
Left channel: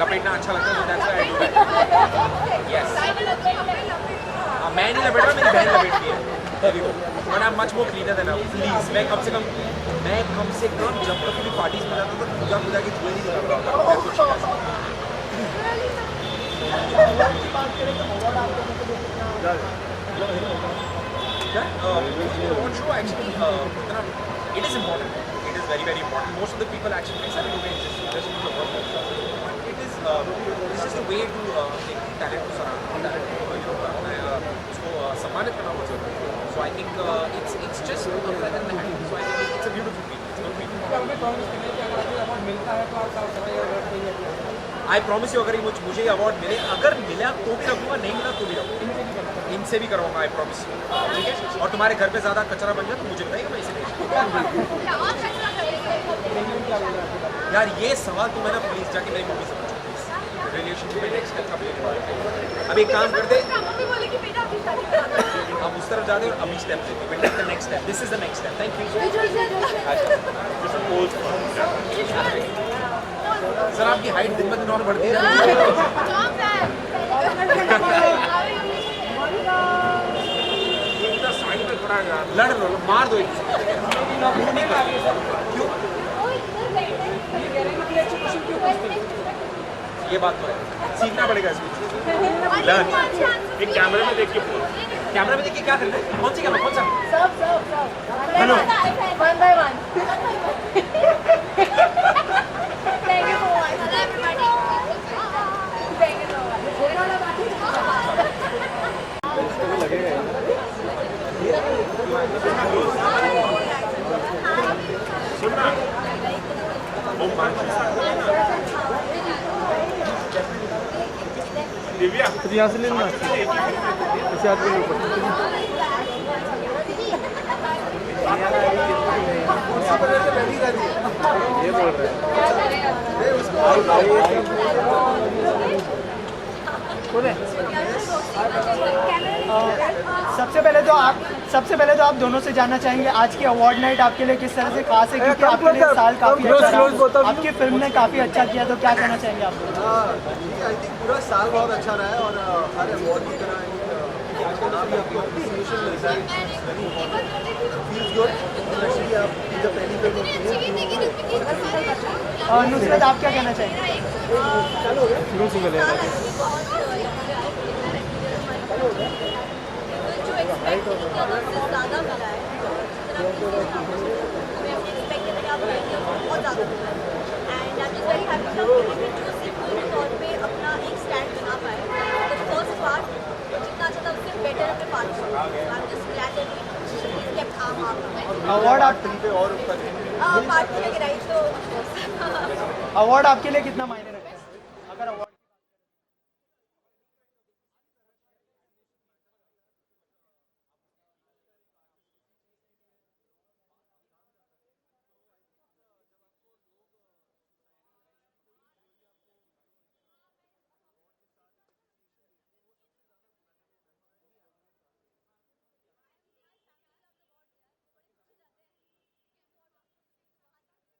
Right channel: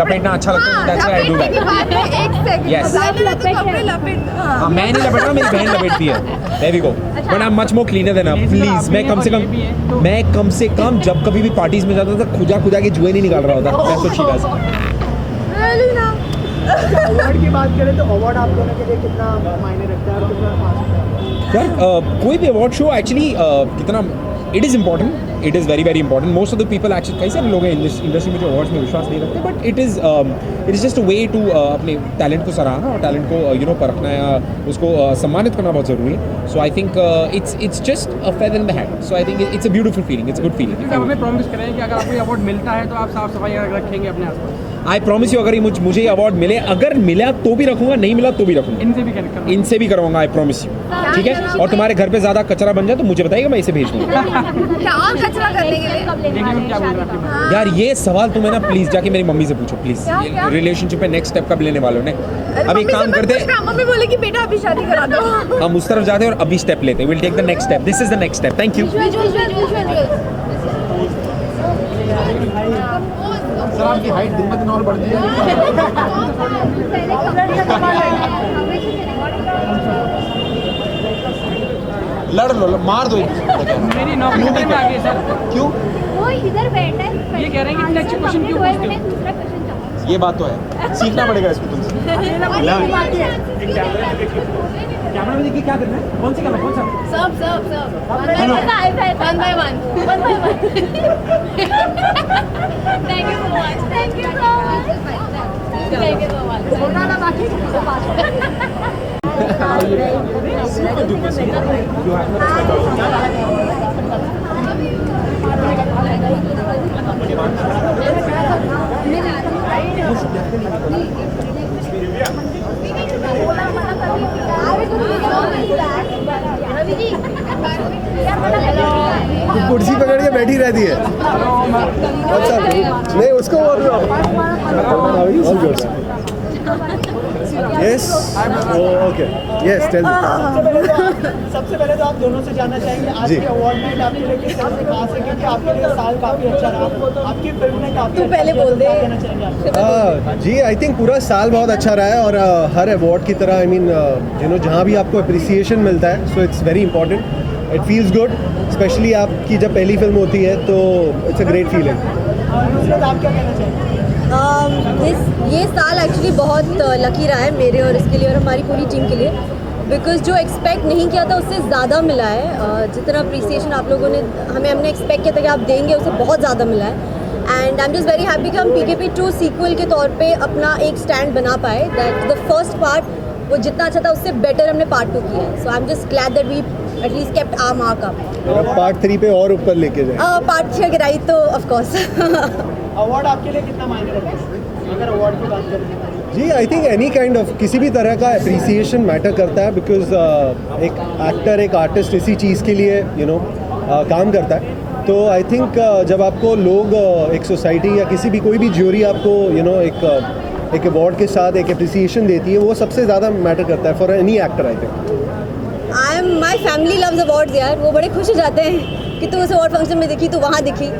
लपेटना अच्छा लगता है। That's why I do that. एक सेकंड, Yes. कपड़े लपेट। हाँ, मैं नहीं लपेट रहा, मेरी बहन लपेटती है। There we go. But I'm much more cleaner than her. Please, मैं कम से कम जब कभी भी पार्टीज में जाता था खुजा के जुए नहीं निकाल रहा होता। That's what she does. Award की बात करें तो अवार्ड आप दोनों के लिए कितना मायने रखता है? यार कोई भी अवार्ड शो एक्चुअली कितना it is important, it is very very important. Most of the people actually कई सारे लोग हैं इंडस्ट्री में जो अवार्ड्स में विश्वास नहीं रखते, but it is just a way to अपने टैलेंट को सराहना और टैलेंट को परखना या उसको सम्मानित करना बहुत ज़रूरी है. So I think it's just a feather in the hand. So I think it's a beautiful feeling, it's a good feeling. आप हमें प्रॉमिस करें कि अगर आपको अवार्ड मिलता है तो आप साफ सफाई रखेंगे अपने आप को. आई प्रॉमिस यू, अगर ये मुझे ये अवार्ड मिले, अगर मिला तो भी रखूंगा, नहीं मिला तो भी रखूंगा. इनसे भी कनेक्ट करो. इनसे भी करवाऊंगा, आई प्रॉमिस यू. ठीक है. और तुम्हारे घर पे ज़्यादा कचरा बन जाए तो मुझे बताइएगा, मैं इसे भेज दूँगा. क्या कचरा करने के लिए? क्या बोल रहा है? यार ये सवाल तुम्हें ना प्लीज जाके मेरी मम्मी से पूछो प्लीज. रिलेशनशिप में नेक्स्ट स्टेप कब लेने वाले ने? अब एक काम करते, मम्मी बोले कि बेटा अभी शादी करा दो. हम उस तरफ जाते हैं और अभी स्टेप लेते हैं. Will take the next step. This is the next step. Thank you. Sir आपकी हाइट दिन ब दिन और बढ़ती है. लड़ लो, मार दो. मेरी नौकरी में आ गई सर. क्यों? वो इधर बैठा है. ये कह रहे हैं कि नेक्स्ट क्वेश्चन क्यों पूछते हो? ये बात तो है, सीखना पड़ेगा इसको तुमसे. कैमरा में देखिए क्या करना है. कौन सी कैमरा, कौन सा? सब one by one. Thank you so much. Thank you so much. Thank you so much. कुर्सी पर लड़के बैठी रहती है. अच्छा नहीं उसको yes okay yes tell me. सबसे पहले तो आप दोनों से जानना चाहेंगे आज की अवार्ड नाइट आपके लिए किस तरह से खास है, क्योंकि आपके साल काफी अच्छा रहा, आपकी फिल्म ने काफी अच्छा किया, तो क्या कहना चाहेंगे आप? जी आई थिंक पूरा साल बहुत अच्छा रहा है. और हर अवार्ड की तरह आई मीन यू नो जहाँ भी आपको अप्रिसिएशन मिलता है so it's very important. It feels good, specially आपकी जब पहली फिल्म होती है तो it's a great feeling. Nusrat आप क्या कहना चाहेंगे? ये साल एक्चुअली बहुत लकी रहा है मेरे और इसके लिए और हमारी पूरी टीम के लिए, बिकॉज जो एक्सपेक्ट नहीं किया था उससे ज़्यादा मिला है. जितना अप्रिसिएशन आप लोगों ने हमने एक्सपेक्ट किया था कि आप देंगे उससे बहुत ज़्यादा मिला है. And I am just very happy कि हम PKP 2 सीक्वल के तौर पे अपना एक स्टैंड बना पाए. दैट द फर्स्ट पार्ट वो जितना अच्छा था उससे बेटर हमने पार्ट 2 किया. So I am just glad that we at least kept our mark up. Part 3 पे और ऊपर लेके जाए. पार्ट 3 अगर आई तो ऑफ कोर्स. अवार्ड आपके लिए कितना मायने रखता है अगर अवार्ड की बात करें? जी I think any kind of किसी भी तरह का अप्रिसिएशन मैटर करता है. बिकॉज एक एक्टर एक आर्टिस्ट इसी चीज़ के लिए यू नो काम करता है. तो आई थिंक जब आपको लोग एक सोसाइटी या किसी भी कोई भी ज्यूरी आपको यू नो एक अवार्ड के साथ एक अप्रिसिएशन देती है, वो सबसे ज़्यादा मैटर करता है for any actor. I think my family loves awards यार. वो बड़े खुश हो जाते हैं कि तू उस अवार्ड फंक्शन में दिखी, तो वहाँ दिखी.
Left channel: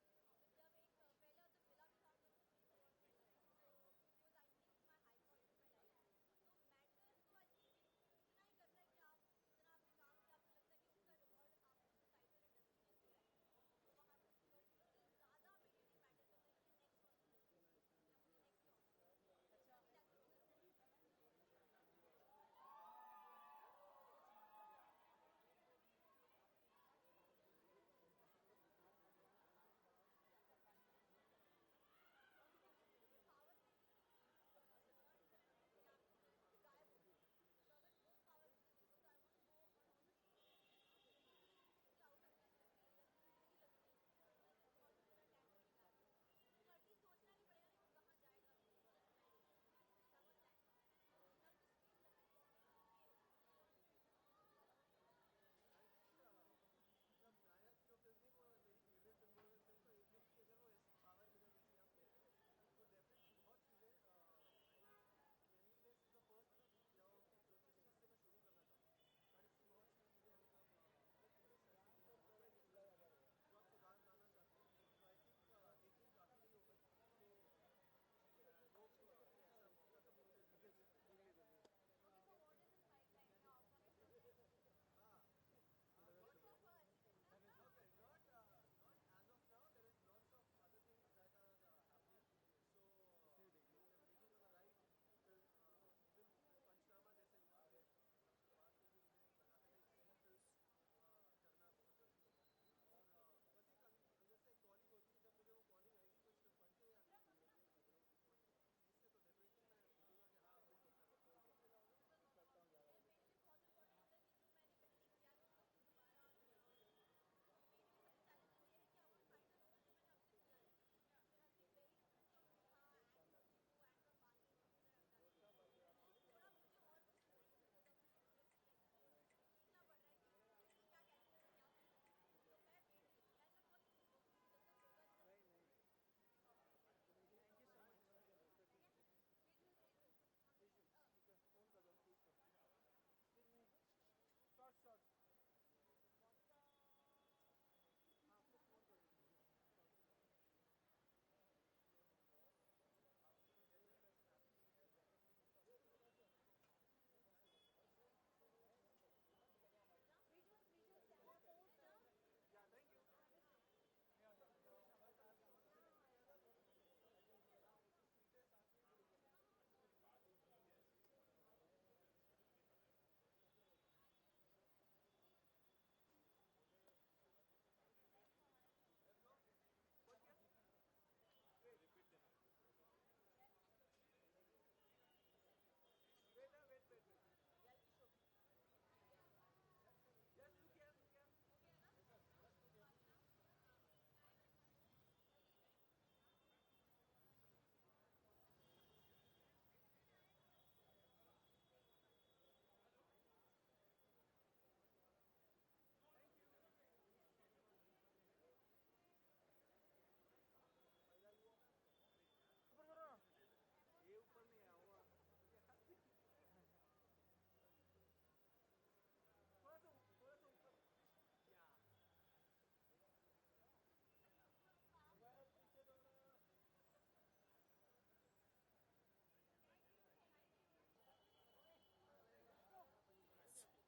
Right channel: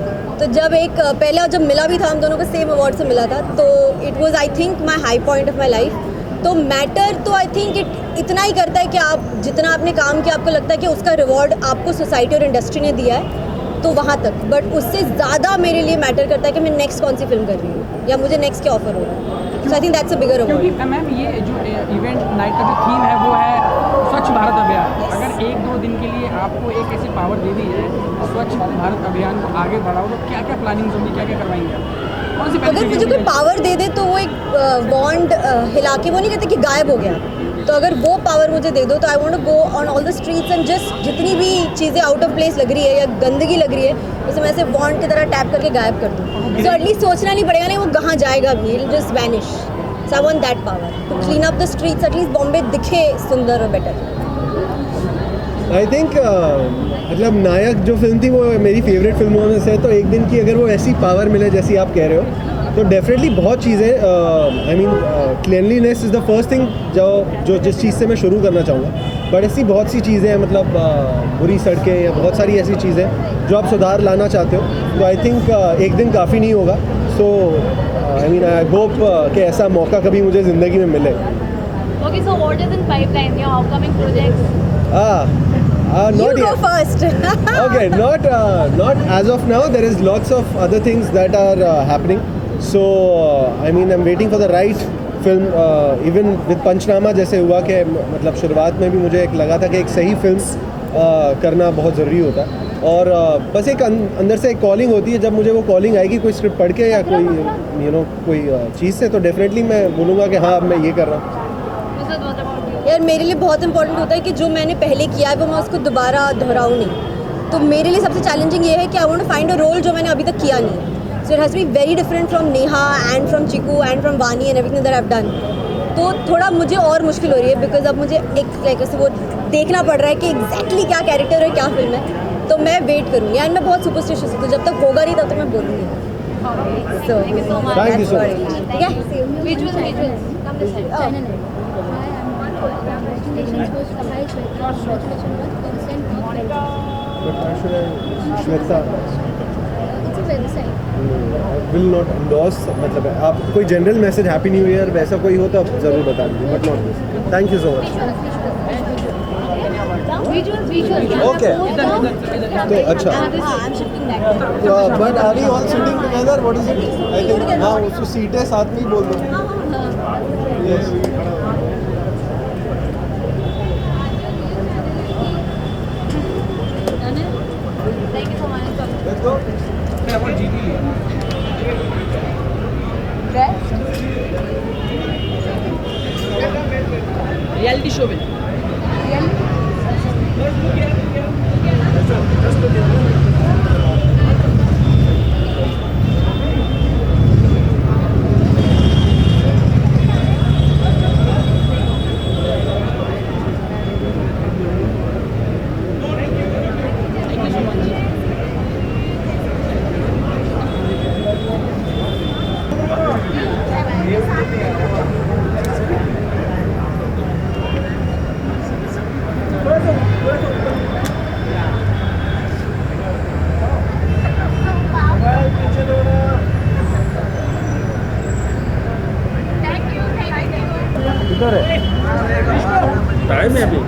तो जब पहले और जब मिला भी था हम दोनों को सेम अवार्ड से मिला था, तो it was I think my high point of my life. तो मैटर तो आई थिंक इतना ही करता है कि आप जितना आपने काम किया आपको लगता है कि उसका रिवॉर्ड आपको सोसाइटी और इंडस्ट्री ने दिया है, तो वहाँ तक. बट उससे ज़्यादा मेरे लिए मैटर करता है कि मैं नेक्स्ट कौन सी फिल्म कर रही हूँ या मुझे नेक्स्ट क्या ऑफर हो रहा है. So I think that's a bigger award. क्योंकि मैम ये जो इवेंट नाइट का जो थीम है वो है स्वच्छ भारत अभियान. अगर 1-2 दिन के लिए आपको एक ऐसी पावर दे दी है स्वच्छ भारत अभियान को आगे बढ़ाओ, तो क्या क्या प्लानिंग होगी, क्या क्या करवाएंगे आप? कौन सी अगर मुझे कोई पावर दे दे तो वो एक बॉन्ड हिला के, वो नहीं कहते कि गायब हो गया, तो अगर वो पावर मुझे दे दो तो I want to go on all the streets and just जितनी भी चीज़ें आउट ऑफ प्लेस लग रही है या गंदगी लग रही है उसे मैं ऐसे बॉन्ड की तरह टैप करके गायब कर दूँ. सो एटलीस्ट सोचना नहीं पड़ेगा नहीं वो कहाँ जाएगा भी, it just vanish. So I want that power to clean up the streets. At least Bombay दिखे सुंदर और बेटर. आई थिंक मतलब नायक जो फिल्म थी वो मेरी फेवरेट फिल्मों में से. तो एक दिन की अगर वो ऐसी पावर मिले जैसी आप कह रहे हो तो डेफिनेटली बहुत चीज़ें I mean cleanliness is the first thing जो जिस चीज़ से मैं शुरू करना चाहूँगा. बट ऐसी बहुत सी चीज़ें हैं मतलब बुरी सड़कें या बहुत सारी ऐसी चीज़ें जो आप सुधार लाना चाहते हो. तो आई थिंक एक दिन काफ़ी नहीं होगा. सो आई मीन आई होप कि ऐसा मौका कभी मुझे ज़िंदगी में मिले. Okay, so what is in pipeline? Your upcoming projects? Not You go yet. first. Okay, not as of now. There is lots of other things that are happening. So I mean, I'm waiting for the right film even with Punchnama जैसे हुआ कि मतलब शुरुआत में भी मुझे एक लगा था कि एक सही फिल्म करना बहुत ज़रूरी होता है और बस एक अंदर से एक कॉलिंग होती है। जब मुझे वो कॉलिंग आएगी कोई स्क्रिप्ट पढ़ के या कोई कोई चीज़ से, तो डेफिनेटली मैं बोलूँगा कि हाँ अब मैं ये कर रहा हूँ। यार मेरे लिए बहुत इंपॉर्टेंट होता है कि जो मैंने पहले किया है वो मैं उसको दोबारा दोहराऊँ नहीं। तो मेरे लिए सबसे चैलेंजिंग ये है कि I want to find a role जो मैंने अभी तक किया नहीं। So it has be very different from Neha and from Chiku and from Vani and everything that I have done. तो थोड़ा मुझे और मुश्किल हो रही है बिकॉज अब मुझे एक लाइक ऐसे वो देखना पड़ रहा है कि एग्जैक्टली क्या कैरेक्टर है, क्या फिल्म है। तो मैं वेट करूँगी एंड मैं बहुत सुपरस्टिशियस हूँ, तो जब तक होगा नहीं तब तक मैं बोलूँगी। So thank you so much. ठीक है। श्वेता विल नॉट एंडोर्स, मतलब आप कोई general message happy new year वैसा कोई हो तो आप ज़रूर बता दीजिए, but not this. Thank you so much. Okay तो अच्छा, but are we all sitting together, what is it? I think हाँ, उसको सीटें साथ में ही बोल दो। Yes let's go. Reality show में टाइम है अभी।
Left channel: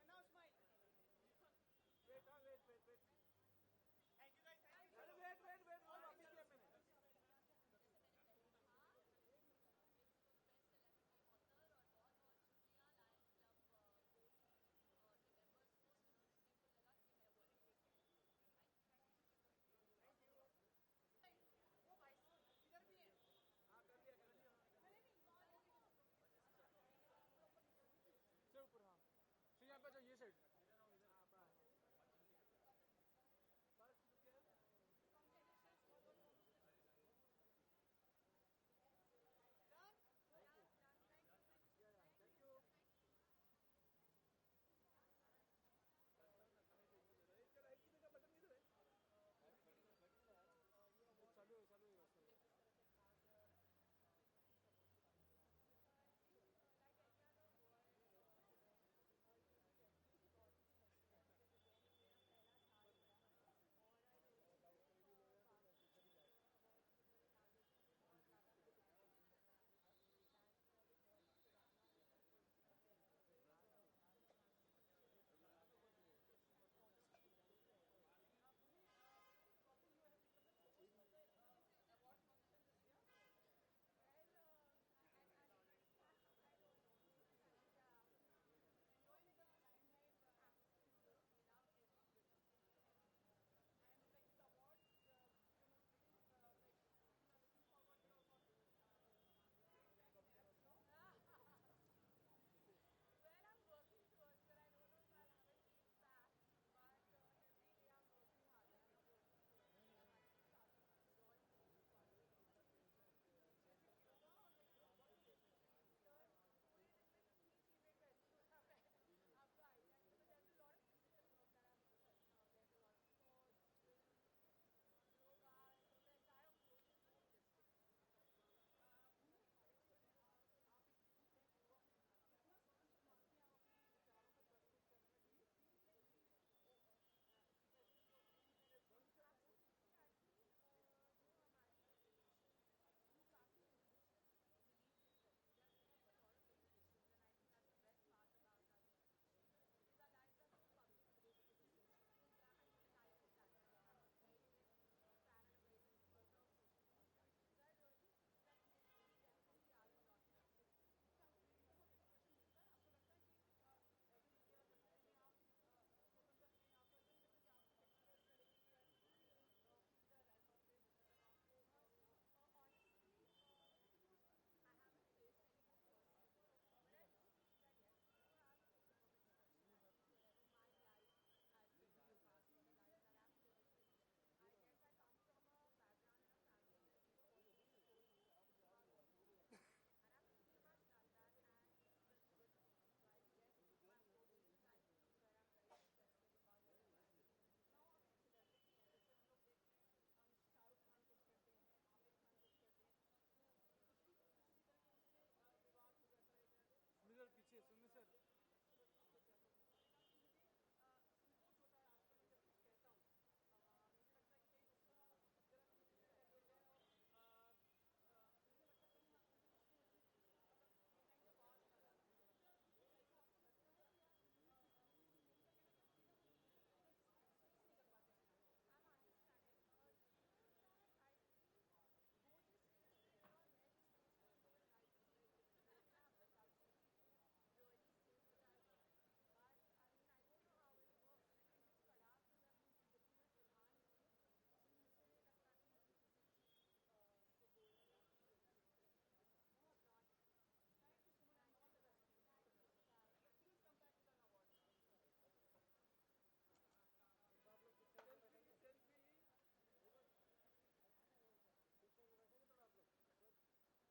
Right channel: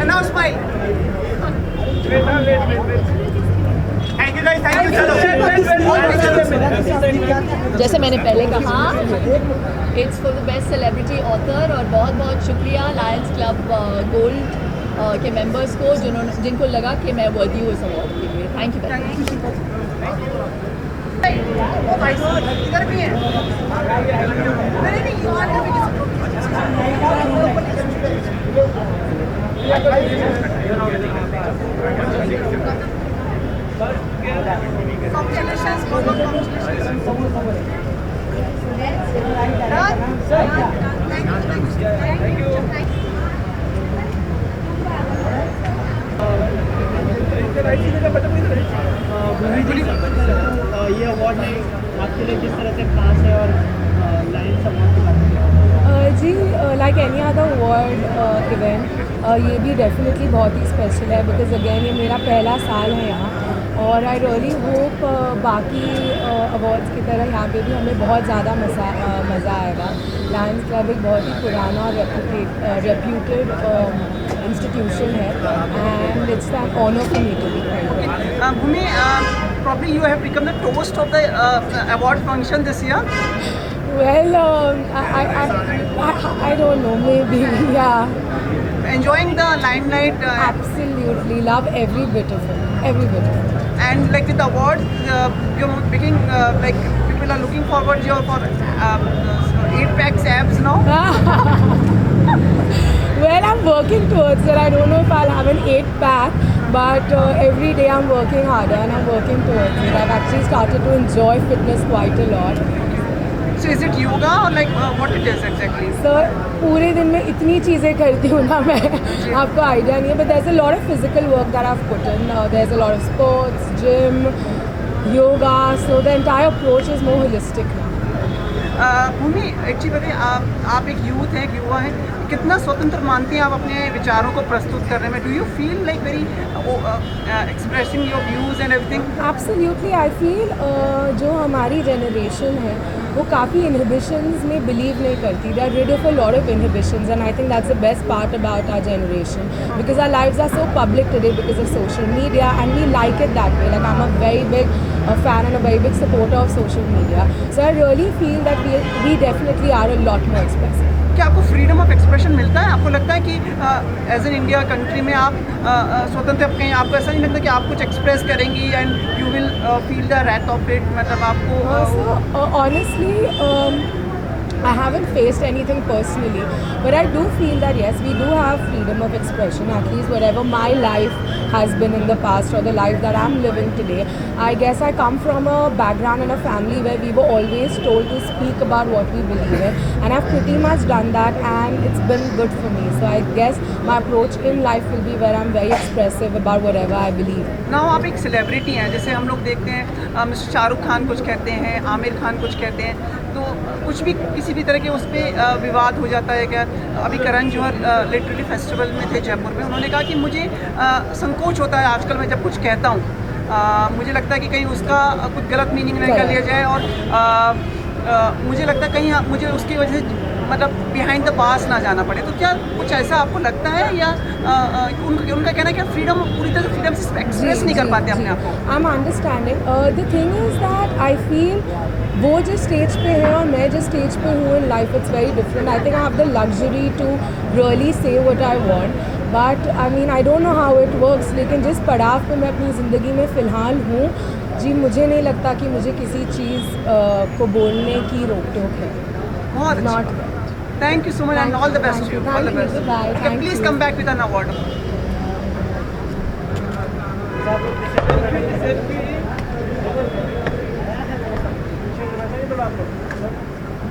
And now smile. Thank you guys. Thank you. जैसे मैंने पहले कहा, it's for the best celebrity author, और बहुत बहुत शुक्रिया लायंस क्लब गोल्ड के मेंबर्स को जिनको लगा कि मैं वर्दी हूँ इस अवार्ड के लिए। Thank you very much. इधर भी है। ये अवार्ड नहीं आपके लिए किस तरह से खास है और लायंस अवार्ड के बारे में? जी like any other award event ये भी डेफिनेटली बहुत ही स्पेशल है बिकॉज अगेन ये मेरा पहला साल है यहाँ, और आई रियली होप बाकी अवार्ड्स की तरह यहाँ पे भी हमें बहुत ज़्यादा मज़ा आएगा। लायंस क्लब एक बहुत ही पुराना और रेप्यूटेड इंस्टीट्यूशन है and it's an honour for me to be. Bhumi, probably you have become the toast of the award function this year. Well, I don't know, maybe, yeah. Enjoying the limelight. Absolutely, love every bit of it, every bit of it. And like with the awards, you're making like people are looking forward for 8-pack abs now. Well, I'm working towards it. I don't know if I'll have an 8-pack, but every day I'm working harder and I'm working towards it. I've actually started to enjoy fitness quite a lot. So is it yoga or like what it is exactly? Sir, पूरे दिन में इतनी चीज़ें करती हूँ ना मैं, आपको आइडिया नहीं है, but there's a lot of physical work that I've put in. There's a lot of sports, gym, yoga, so the entire approach is more holistic now. Bhumi, actually आप एक यूथ हैं, एक युवा हैं, कितना स्वतंत्र मानती हैं आप अपने विचारों को प्रस्तुत करने में? Do you feel like very expressing your views and everything? Absolutely, I feel जो हमारी जनरेशन है वो काफ़ी इनहिबिशंस में बिलीव नहीं करती. They are rid of a lot of inhibitions, and I think that's the best part about our generation, because our lives are so public today because of social media, and we like it that way. Like, I'm a very big fan and a very big supporter of social media. So I really feel that we definitely are a lot more expressive. क्या आपको फ्रीडम ऑफ एक्सप्रेशन मिलता है? आपको लगता है कि एज एन इंडिया कंट्री में आप स्वतंत्र कहीं आपको ऐसा नहीं लगता कि आप कुछ एक्सप्रेस करेंगी and you will feel the wrath of it? मतलब आपको honestly, I haven't faced anything personally, but I do feel that yes, we do have freedom of expression, at least whatever my life has been in the past or the life that I'm living today. I guess I come from a background and a family where we were always told to speak about what we believe in, and I've pretty much done that, and it's been good for me. So I guess my approach in life will be where I'm very expressive about whatever I believe. Now आप एक सेलिब्रिटी हैं, जैसे हम लोग देखते हैं मिस्टर शाहरुख खान कुछ कहते हैं, आमिर खान कुछ कहते हैं, तो कुछ भी किसी भी तरह के उस पर विवाद हो जाता है क्या? अभी करण जौहर लिटरेरी फेस्टिवल में थे जयपुर में, उन्होंने कहा कि मुझे संकोच होता है आजकल मैं जब कुछ कहता हूँ, मुझे लगता है कि कहीं उसका कुछ गलत मीनिंग न कर लिया जाए, और मुझे लगता है कहीं मुझे उसकी वजह से मतलब बिहाइंड द बार्स ना जाना पड़े. तो क्या कुछ ऐसा आपको लगता है, या उनका कहना है कि फ्रीडम पूरी तरह से फ्रीडम से एक्सप्रेस नहीं कर पाते अपने आप को? I am understanding. The thing is that I feel वो जिस स्टेज पे है और मैं जिस स्टेज पे हूँ in life, it's very different. I think I have the luxury to really say what I want, but I mean I don't know how it works. लेकिन जिस पड़ाव पे मैं अपनी ज़िंदगी में फ़िलहाल हूँ जी, मुझे नहीं लगता कि मुझे किसी चीज़ को बोलने की रोक टोक है. बहुत not. Thank you so much and all the best to you. All the best. Bye. Okay, please come back with an award.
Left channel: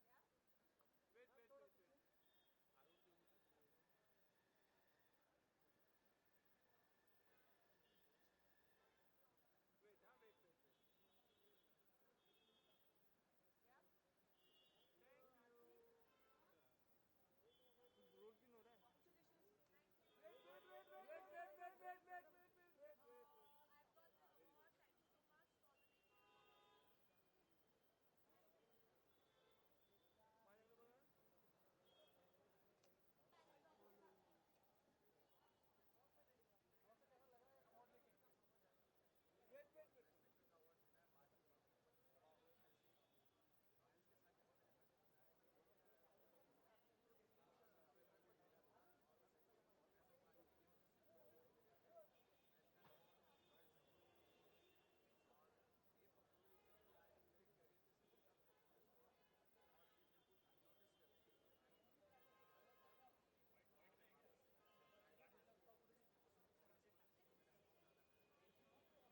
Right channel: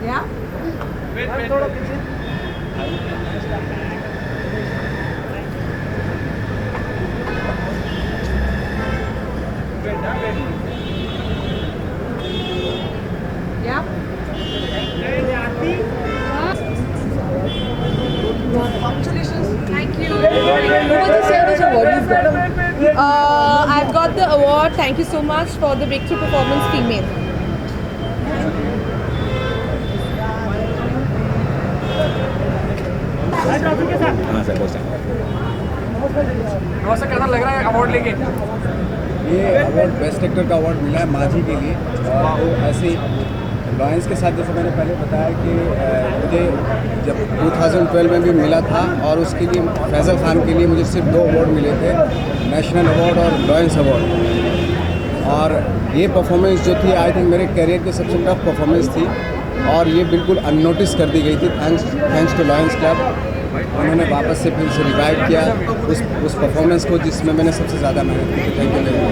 Yeah? Yeah? Thank you. What was the service award you've got? I've got the award. Thank you so much for the Breakthrough Performance Female. हाँ सर, बहुत नमस्ते, कैसा लग रहा है अवार्ड लेके? ये अवार्ड बेस्ट एक्टर का अवार्ड मिला है माझी के लिए, और वो ऐसे लॉयंस के साथ जैसे मैंने पहले बताया कि मुझे जब 2012 में भी मिला था, और उसके लिए फैज़ल खान के लिए मुझे सिर्फ 2 अवार्ड मिले थे, नेशनल अवार्ड और लॉयंस अवार्ड. और ये परफॉर्मेंस जो थी आई थिंक मेरे करियर की सबसे टफ परफॉर्मेंस थी, और ये बिल्कुल अननोटिस कर दी गई थी. थैंक्स टू लॉयंस क्लब, उन्होंने वापस से फिर से रिवाइव किया उस परफॉर्मेंस को जिसमें मैंने सबसे ज़्यादा मेहनत की थी. Thank you very much.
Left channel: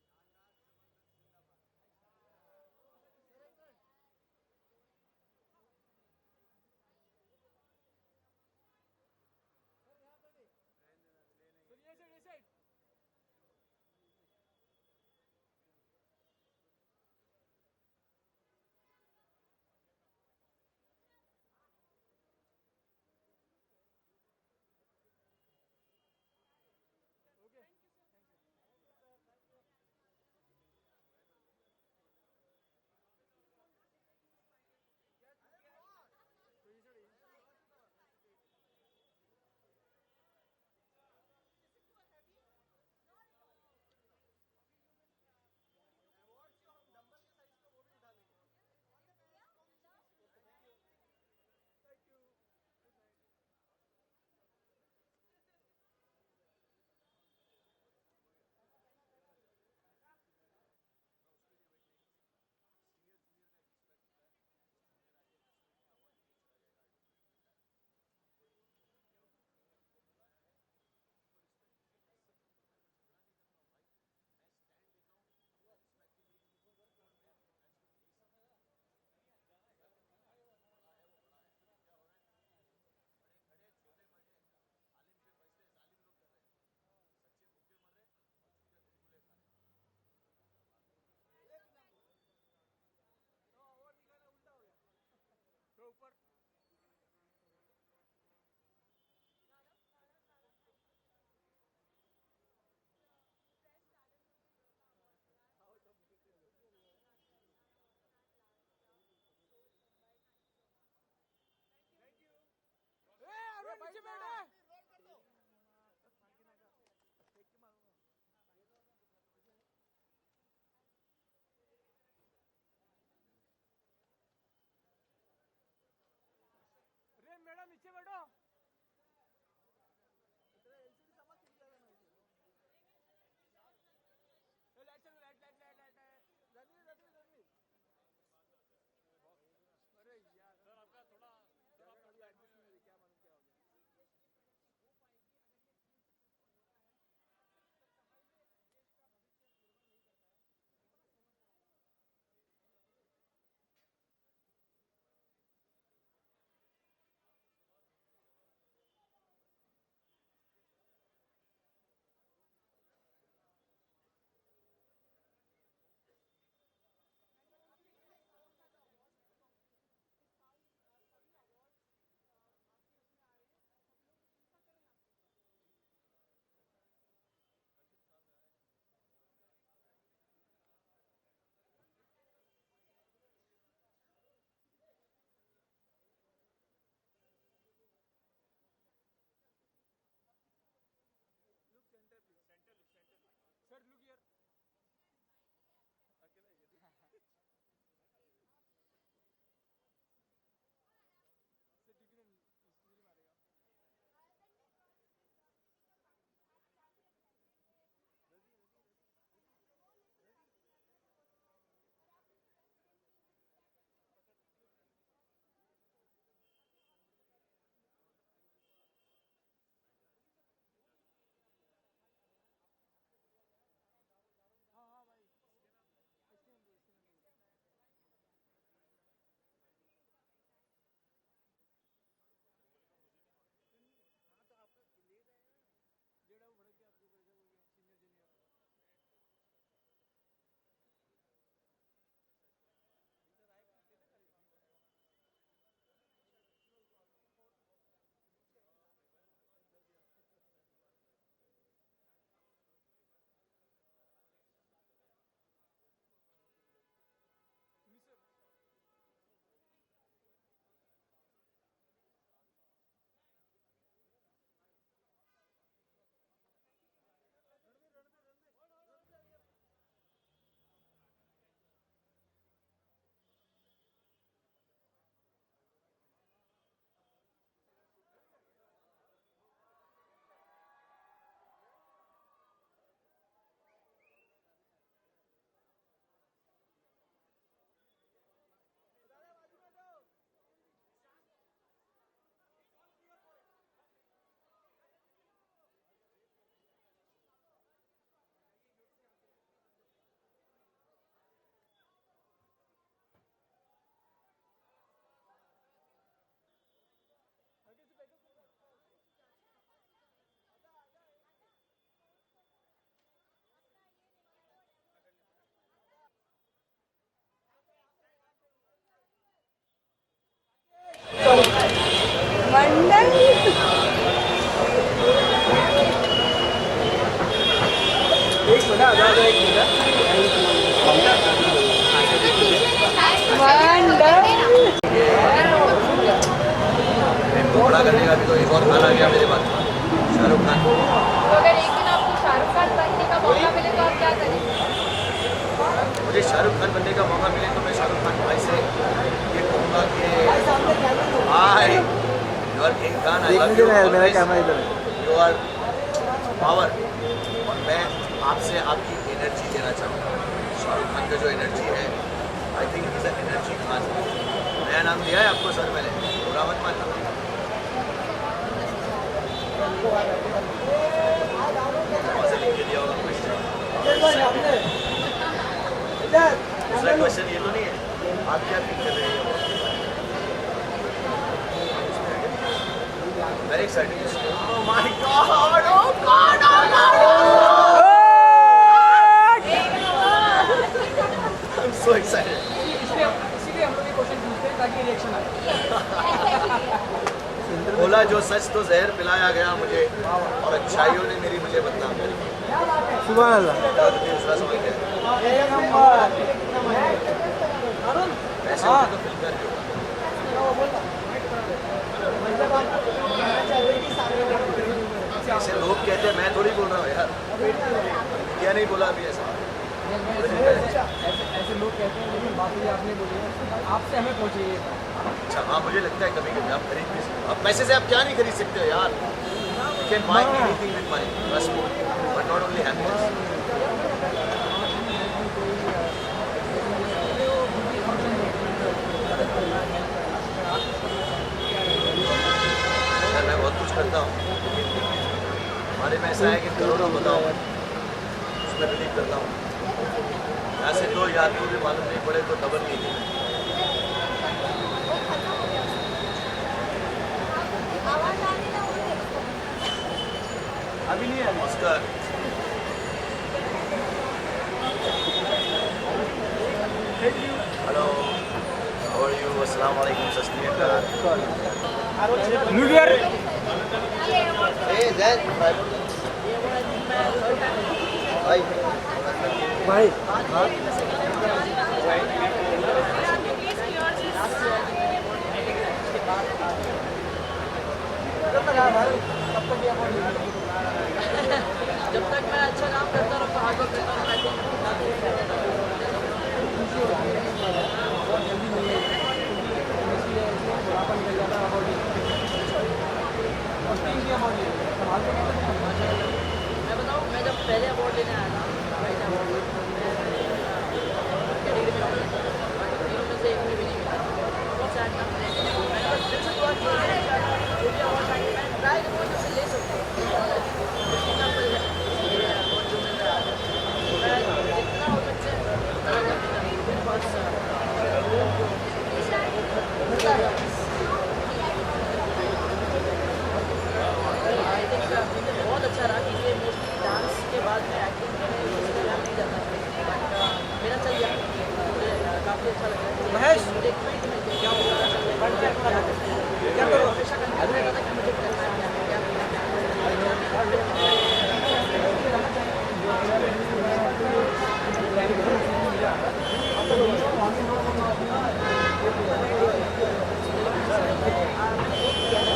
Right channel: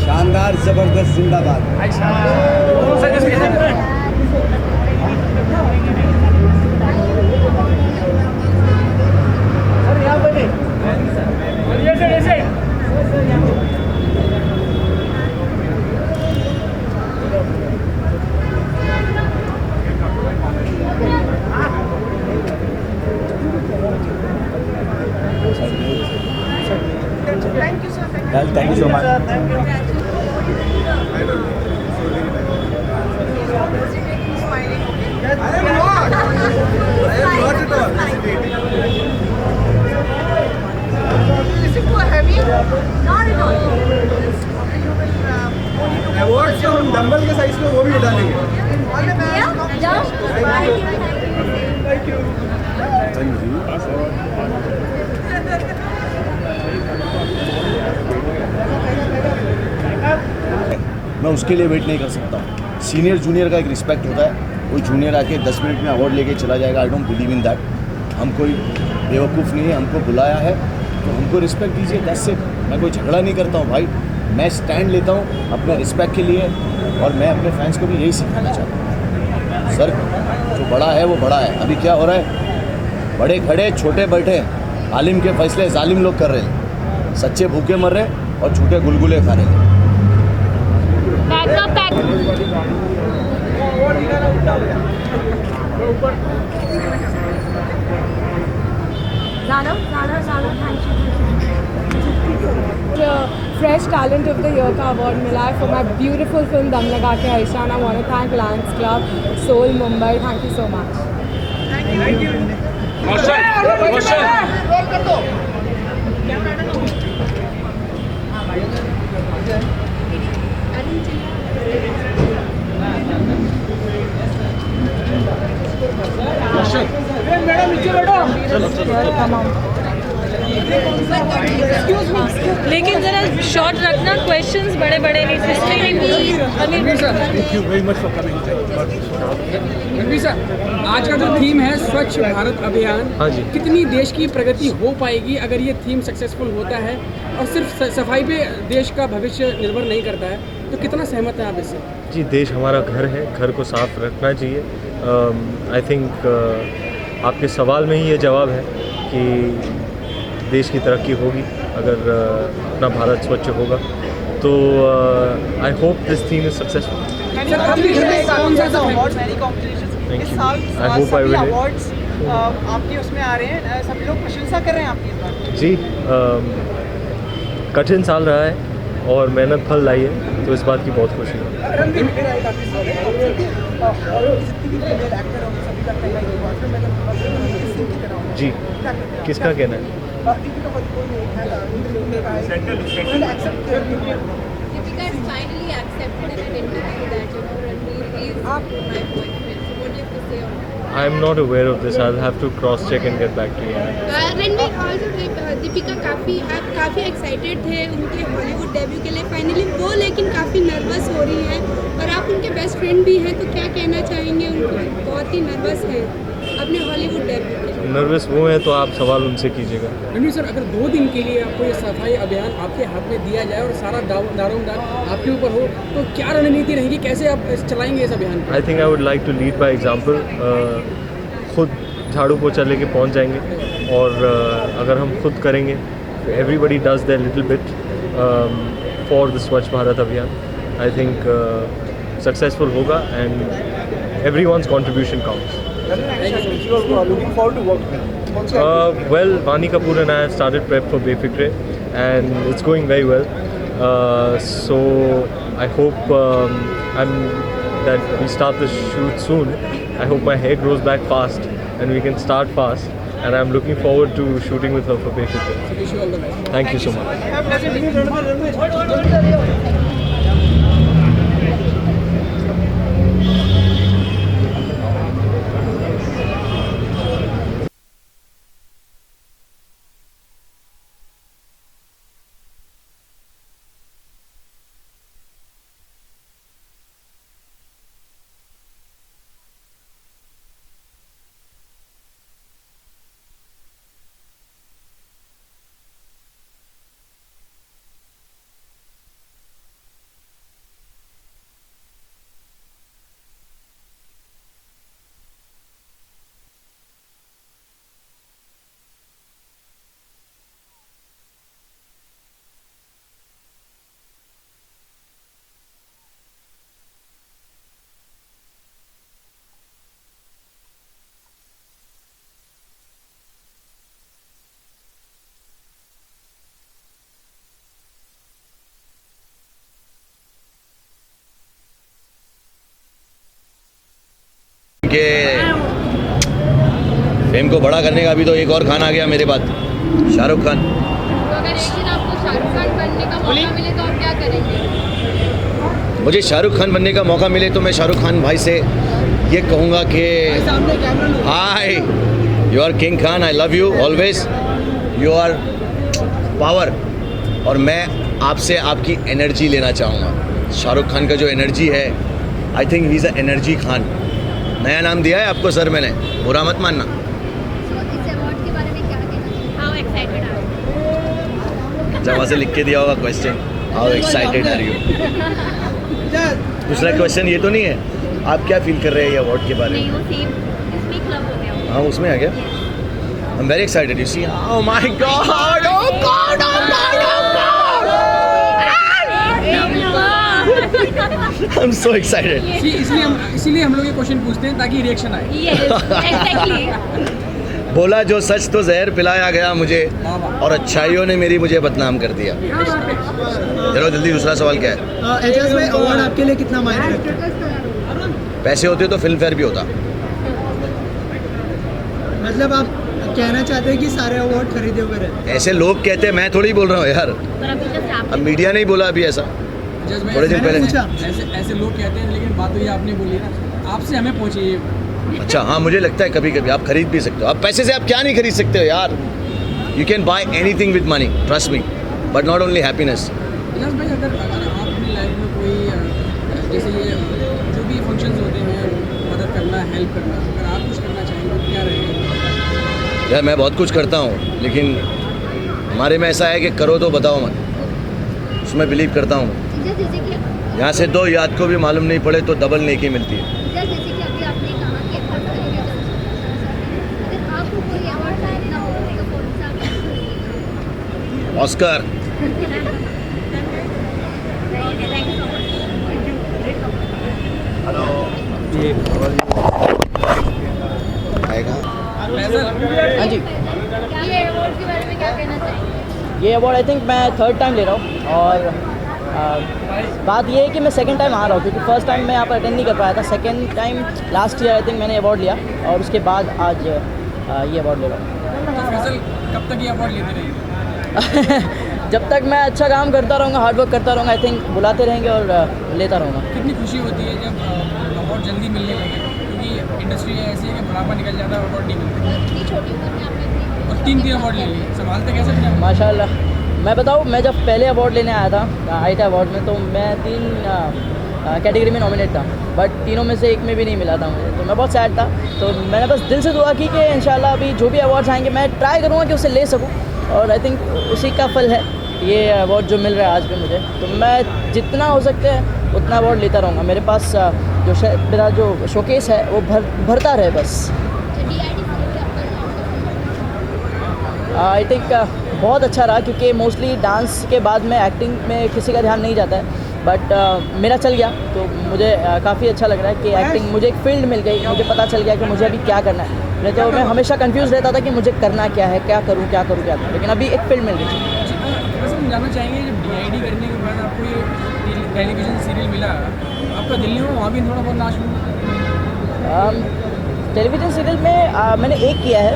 शानदार, जबरदस्त, जिंदाबाद. Thank you so much. Award जो हम डंबल के साइज में वो भी उठा लेंगे. मैं उसके लिए वेट नहीं कर सकता हूँ. सीनियर जूनियर का एक रिस्पेक्ट होता है. कोई जूनियर आके 10 मिनट में अवार्ड लेके चला जाएगा, I don't believe in that. हम कोई बेवकूफ़ नहीं है, हमको बुलाया है तो हमको रिस्पेक्ट दीजिए. That's it. मैं कोई झगड़ा नहीं करता हूँ भाई, मैं स्टैंड लेता हूँ अपने रिस्पेक्ट के लिए, और मैं अपने फैंस को भी यही सिखाना चाहता हूँ. सर, जो बड़ा है वो बड़ा है. अभी क्या हो रहा है, बड़े खड़े छोटे बैठे, आलिम के फैसले जालिम लोग कर रहे हैं. सच्चे भूखे मर रहे और झूठे गुलगुले खा रहे हैं. Zana, thank you. Best talent of the year का अवार्ड मिला है for my beautiful film Dum Laga Ke Haisha. I want to thank Lions Club, Soul, Mumbai. Thank you so much. लेकिन जरा शॉर्ट रखना, क्वेश्चंस बड़े बड़े नहीं. रणवीर सर, आज का जो थीम है स्वच्छ भारत अभियान, हाँ जी. कितनी देश की प्रगति हो पाएगी अगर ये थीम सक्सेसफुल होता है? और सिर्फ सफाई पे देश का भविष्य निर्भर नहीं करता है, तो कितना सहमत हैं आप इससे? जी, देश हमारा घर है, घर को साफ रखना चाहिए. आई थिंक आपके सवाल में ही ये जवाब है कि देश की तरक्की होगी अगर अपना भारत स्वच्छ होगा. तो I hope this theme is successful. इस साल सभी अवार्ड्स आपके उसमें आ रहे हैं, सभी लोग प्रशंसा कर रहे हैं आपकी इस बार. जी, कठिन साल रहा है और मेहनत फल लाई है, तो इस बात की बहुत खुशी है. जी, किसका कहना है? I am not aware of this. I'll have to cross check and get back to you. Ranveer also Deepika काफ़ी एक्साइटेड थे उनके हॉलीवुड डेब्यू के लिए फाइनली वो, लेकिन काफ़ी नर्वस हो रही हैं और आप उनके बेस्ट फ्रेंड भी हैं, तो क्या कहना चाहेंगे? उनको बहुत ही नर्वस है अपने हॉलीवुड डेब्यू के लिए. नर्वस वो है तो आप सवाल उनसे कीजिएगा. रणवीर सर, अगर 2 दिन के लिए आपको ये सफाई अभियान आपके हाथ में दिया जाए और सारा दारोमदार आपके ऊपर हो, तो क्या रणनीति रहेगी, कैसे आप चलाएंगे इस अभियान? I think I would like to lead by example. खुद झाड़ू पोछा लेके पहुंच जाएंगे और अगर हम खुद करेंगे, everybody does their little bit for the Swachh Bharat Abhiyan, I think successful होगा and everyone's contribution counts. Well, Vani Kapoor and I have started prep for Befikre and it's going very well. So I hope that we start the shoot soon. I hope my hair grows back fast and we can start fast. And I'm looking forward to shooting with her for Befikre. Thank you so much. के फिल्म को बड़ा करने का अभी तो एक और खान आ गया मेरे पास, शाहरुख खान. अगर एक दिन आपको शाहरुख खान बनने का मौका मिले तो आप क्या करेंगे? मुझे शाहरुख खान बनने का मौका मिले तो मैं शाहरुख खान भाई से ये कहूँगा कि hi, you are king Khan, I love you always, you are power. और मैं आपसे आपकी एनर्जी लेना चाहूँगा. शाहरुख खान का जो एनर्जी है, I think he is a energy Khan. नया नाम दिया है आपको सर मैंने, बुरा मत मानना. अच्छा, वहाँ से लिख के दिया होगा question, how excited are you. दूसरा क्वेश्चन ये तो नहीं है आप क्या फील कर रहे हैं ये अवार्ड के बारे में? हाँ, उसमें आ गया. I am very excited. You see, oh my God, oh God, oh God, I am so excited. इसीलिए हम लोग ये क्वेश्चन पूछते हैं ताकि रिएक्शन आए. बोला जो सच तो जहर पिलाया गया मुझे, और अच्छाइयों ने मुझे बदनाम कर दिया। चलो जल्दी दूसरा सवाल क्या है? एजाज भाई, अवार्ड आपके लिए कितना मायने रखता है? पैसे होते तो फिल्म फेयर भी होता। मतलब आप कहना चाहते हैं कि सारे अवार्ड खरीदे हुए रहे? ऐसे लोग कहते हैं, मैं थोड़ी बोल रहा हूँ यार, अब मीडिया नहीं बोला अभी ऐसा, थोड़े दिन पहले। ऐसे लोग कहते हैं, लेकिन बात हुई आपने बोली ना, आपसे हमें पहुंची ये। अच्छा हाँ, मुझे लगता है कभी कभी आप खरीद भी सकते हो। आप पैसे से आप क्या नहीं खरीद सकते हो यार? You can buy anything with money, trust me, but not only happiness. Yes भाई, अगर आप अपनी लाइफ में कोई जैसे जो भी फंक्शंस होते हैं, मदद करना, हेल्प करना, अगर आप कुछ करना चाहिए क्या रहेगा? यार मैं बहुत कुछ करता हूँ, लेकिन हमारे में ऐसा है कि करो तो बताओ मत, उसमें बिलीव करता हूँ। यहाँ से दो याद को भी मालूम नहीं पड़े तो डबल नेकी मिलती है। ऑस्कर। हाँ जी, ये अवार्ड आई थिंक मैं 3rd टाइम ले रहा हूँ, और बात ये है कि मैं 2nd टाइम आ रहा हूँ, क्योंकि 1st टाइम मैं यहाँ पर अटेंड नहीं कर पाया था। 2nd time last year I think मैंने अवार्ड लिया, और उसके बाद आज ये अवार्ड ले रहा हूँ। कब तक ये अवार्ड लेते रहेंगे? जब तक मैं अच्छा काम करता रहूँगा, हार्ड वर्क करता रहूँगा, आई थिंक बुलाते रहेंगे और लेता रहूँगा। कितनी खुशी होती है जब अवार्ड जल्दी मिलने लगे, क्योंकि इंडस्ट्री ऐसी है कि बुढ़ापा निकल जाता है, अवार्ड नहीं मिलता, और 3 अवार्ड ले लिए, संभालते कैसे थे? माशाल्लाह। मैं बताऊँ, मैं जब पहले अवार्ड लेने आया था आईटा अवार्ड में, तो मैं 3 कैटेगरी में नॉमिनेट था, बट तीनों में से एक में भी नहीं मिला था मुझे, तो मैं बहुत सैड था। तो मैंने बस दिल से दुआ की कि इंशाल्लाह अभी जो भी अवार्ड्स आएंगे मैं ट्राई करूँगा कि उसे ले सकूँ, और आई थिंक उसी का फल है ये अवार्ड जो मिल रहा है आज भी मुझे। तो मैं जितना हो सकता है उतना अवार्ड लेता रहूँगा। मेरे पास मेरा जो शोकेस है वो भरता रहे बस। आई थिंक बहुत अच्छा रहा, क्योंकि मोस्टली डांस के बाद में एक्टिंग में किसी का ध्यान नहीं जाता है, बट मेरा चल गया, तो मुझे काफ़ी अच्छा लग रहा है कि एक्टिंग मुझे एक फील्ड मिल गई। मुझे पता चल गया कि मुझे अभी क्या करना है। नहीं तो मैं हमेशा कंफ्यूज रहता था कि मुझे करना क्या है, क्या करूँ, लेकिन अभी एक फील्ड मिल गई। बस हम जानना चाहेंगे कि DID करने के बाद आपको ये टेलीविज़न सीरियल मिला, आपका दिल्ली में वहाँ भी थोड़ा बहुत नाच हुआ? टेलीविज़न सीरियल में मैंने एक किया है,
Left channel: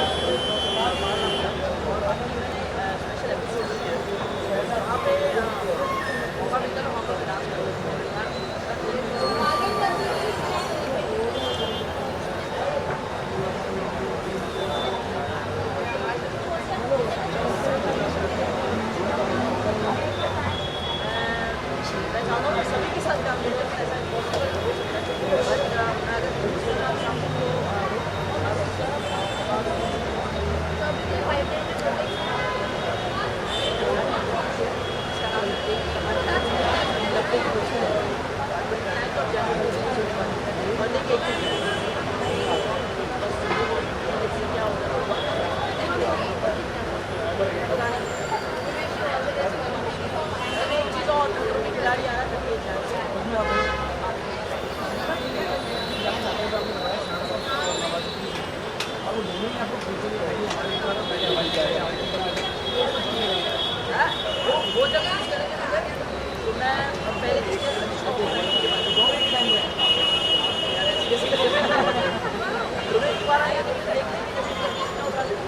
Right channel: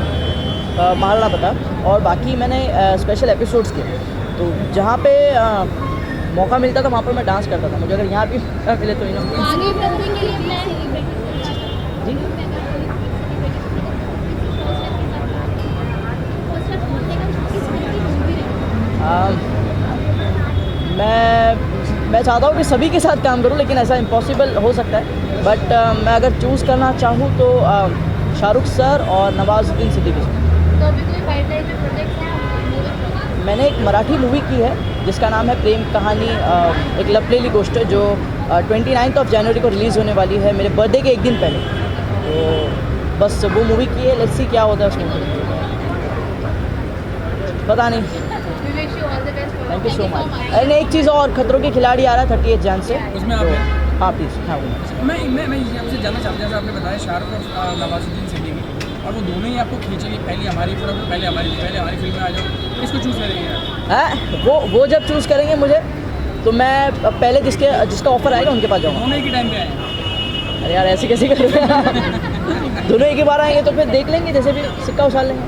महाराणा प्रताप, और बाकी मैंने स्पेशल एपिसोड्स किए। तो जहाँ पे मौका मिलता था वहाँ पे मैं डांस करता था। मुझे अगर यहाँ भी मिले तो मैं चाहता हूँ कि सभी के साथ काम करूँ, लेकिन ऐसा इम्पॉसिबल हो सकता है। बट मैं अगर चूज़ करना चाहूँ तो शाहरुख सर और नवाजुद्दीन सिद्दीकी। मैंने एक मराठी मूवी की है जिसका नाम है प्रेम कहानी, एक लवली गोष्ट है, जो 29 जनवरी को रिलीज़ होने वाली है, मेरे बर्थडे के एक दिन पहले। तो बस वो मूवी की है, लेट्स सी क्या होता है उसमें, पता नहीं। Thank you so much. अरे एक चीज़ और, खतरों के खिलाड़ी आ रहा है 38 जन से, उसमें आप हाँ प्लीज़। हाँ मैं आपसे जानना चाहता हूँ, आपने बताया शाहरुख और नवाजुद्दीन सिद्दीकी, और वो दोनों ही आपको खींचेंगे, पहले हमारी फिल्म में आ जाओ, इसको चूज़ करेंगे? हाँ, वो जब चूज़ करेंगे मुझे, तो मैं पहले जिसका ऑफर आएगा उनके पास जाऊँगा। दोनों एक ही टाइम पे आए? अरे यार ऐसे कैसे कर रहे हैं? दोनों एक ही बार आएंगे तो फिर देख लेंगे, जैसे भी सिक्का उछाल लेंगे।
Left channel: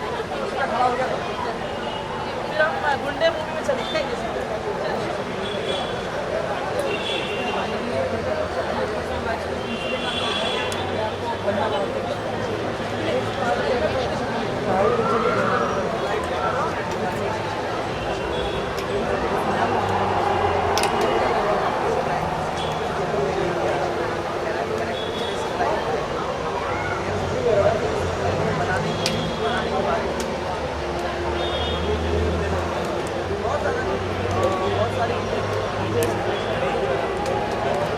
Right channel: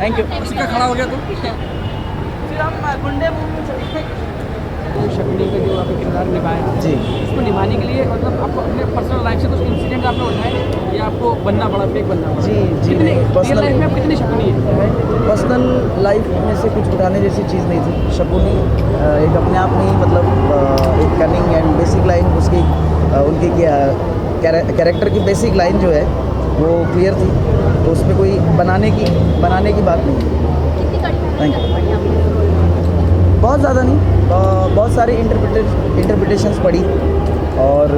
Thank you. सिक्का खड़ा हो गया तो गुंडे मूवी में चलेंगे। जी, उसको निभाने के लिए मतलब आपको अपने पर्सनल लाइफ से कुछ इंसिडेंट आपने होता है, आपको बनना पड़ा फेक बनना? जी पर्सनल लाइफ में कितनी शक्ति है? पर्सनल लाइफ में से कुछ बताने जैसी चीज़ नहीं थी। शकुनी एक अपने आप में ही मतलब एक कमिंग एंड बेसिक लाइन उसकी उनकी कैरेक्टर की बेसिक लाइन जो है वो क्लियर थी, तो उसमें कोई बनाने की बात नहीं। Thank you. बहुत ज़्यादा नहीं, बहुत सारी इंटरप्रिटेशंस पढ़ी और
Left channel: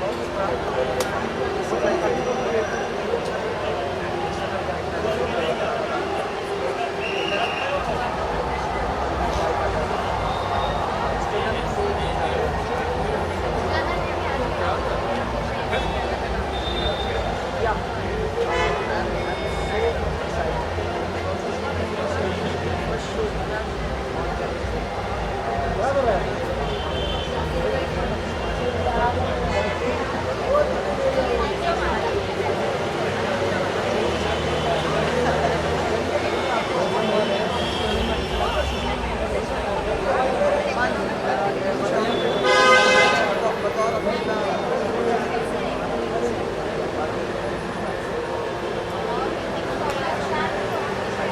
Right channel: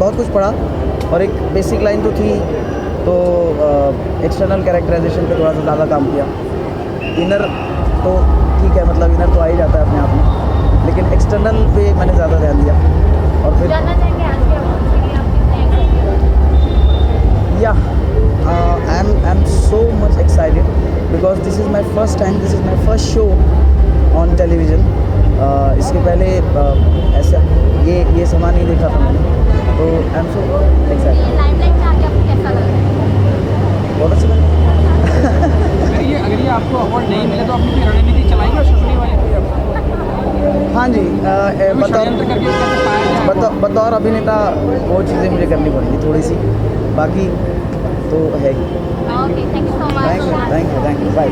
बहुत कुछ पढ़ा, और एक बेसिक लाइन जो थी तो एक्सटर्नल कैरेक्टराइजेशन पे थोड़ा सा ज़्यादा काम किया। इनर तो ठीक है, मतलब इनर तो आ ही जाता है अपने आप में, लेकिन एक्सटर्नल पे मैंने ज़्यादा ध्यान दिया। और फिर या I'm so much excited because this is my first time, this is my first show on television. इसके पहले ऐसे ये समा नहीं देखा था मैंने, तो I'm so excited. बहुत अच्छा अगर ये आपको अवार्ड नहीं मिले तो अपनी रणनीति चलाएंगे और सोशल मीडिया। हाँ जी, बतौर अभिनेता वो चीज़ें मुझे करनी पड़ती थोड़ी सी, बाकी तो है। Thank you bye.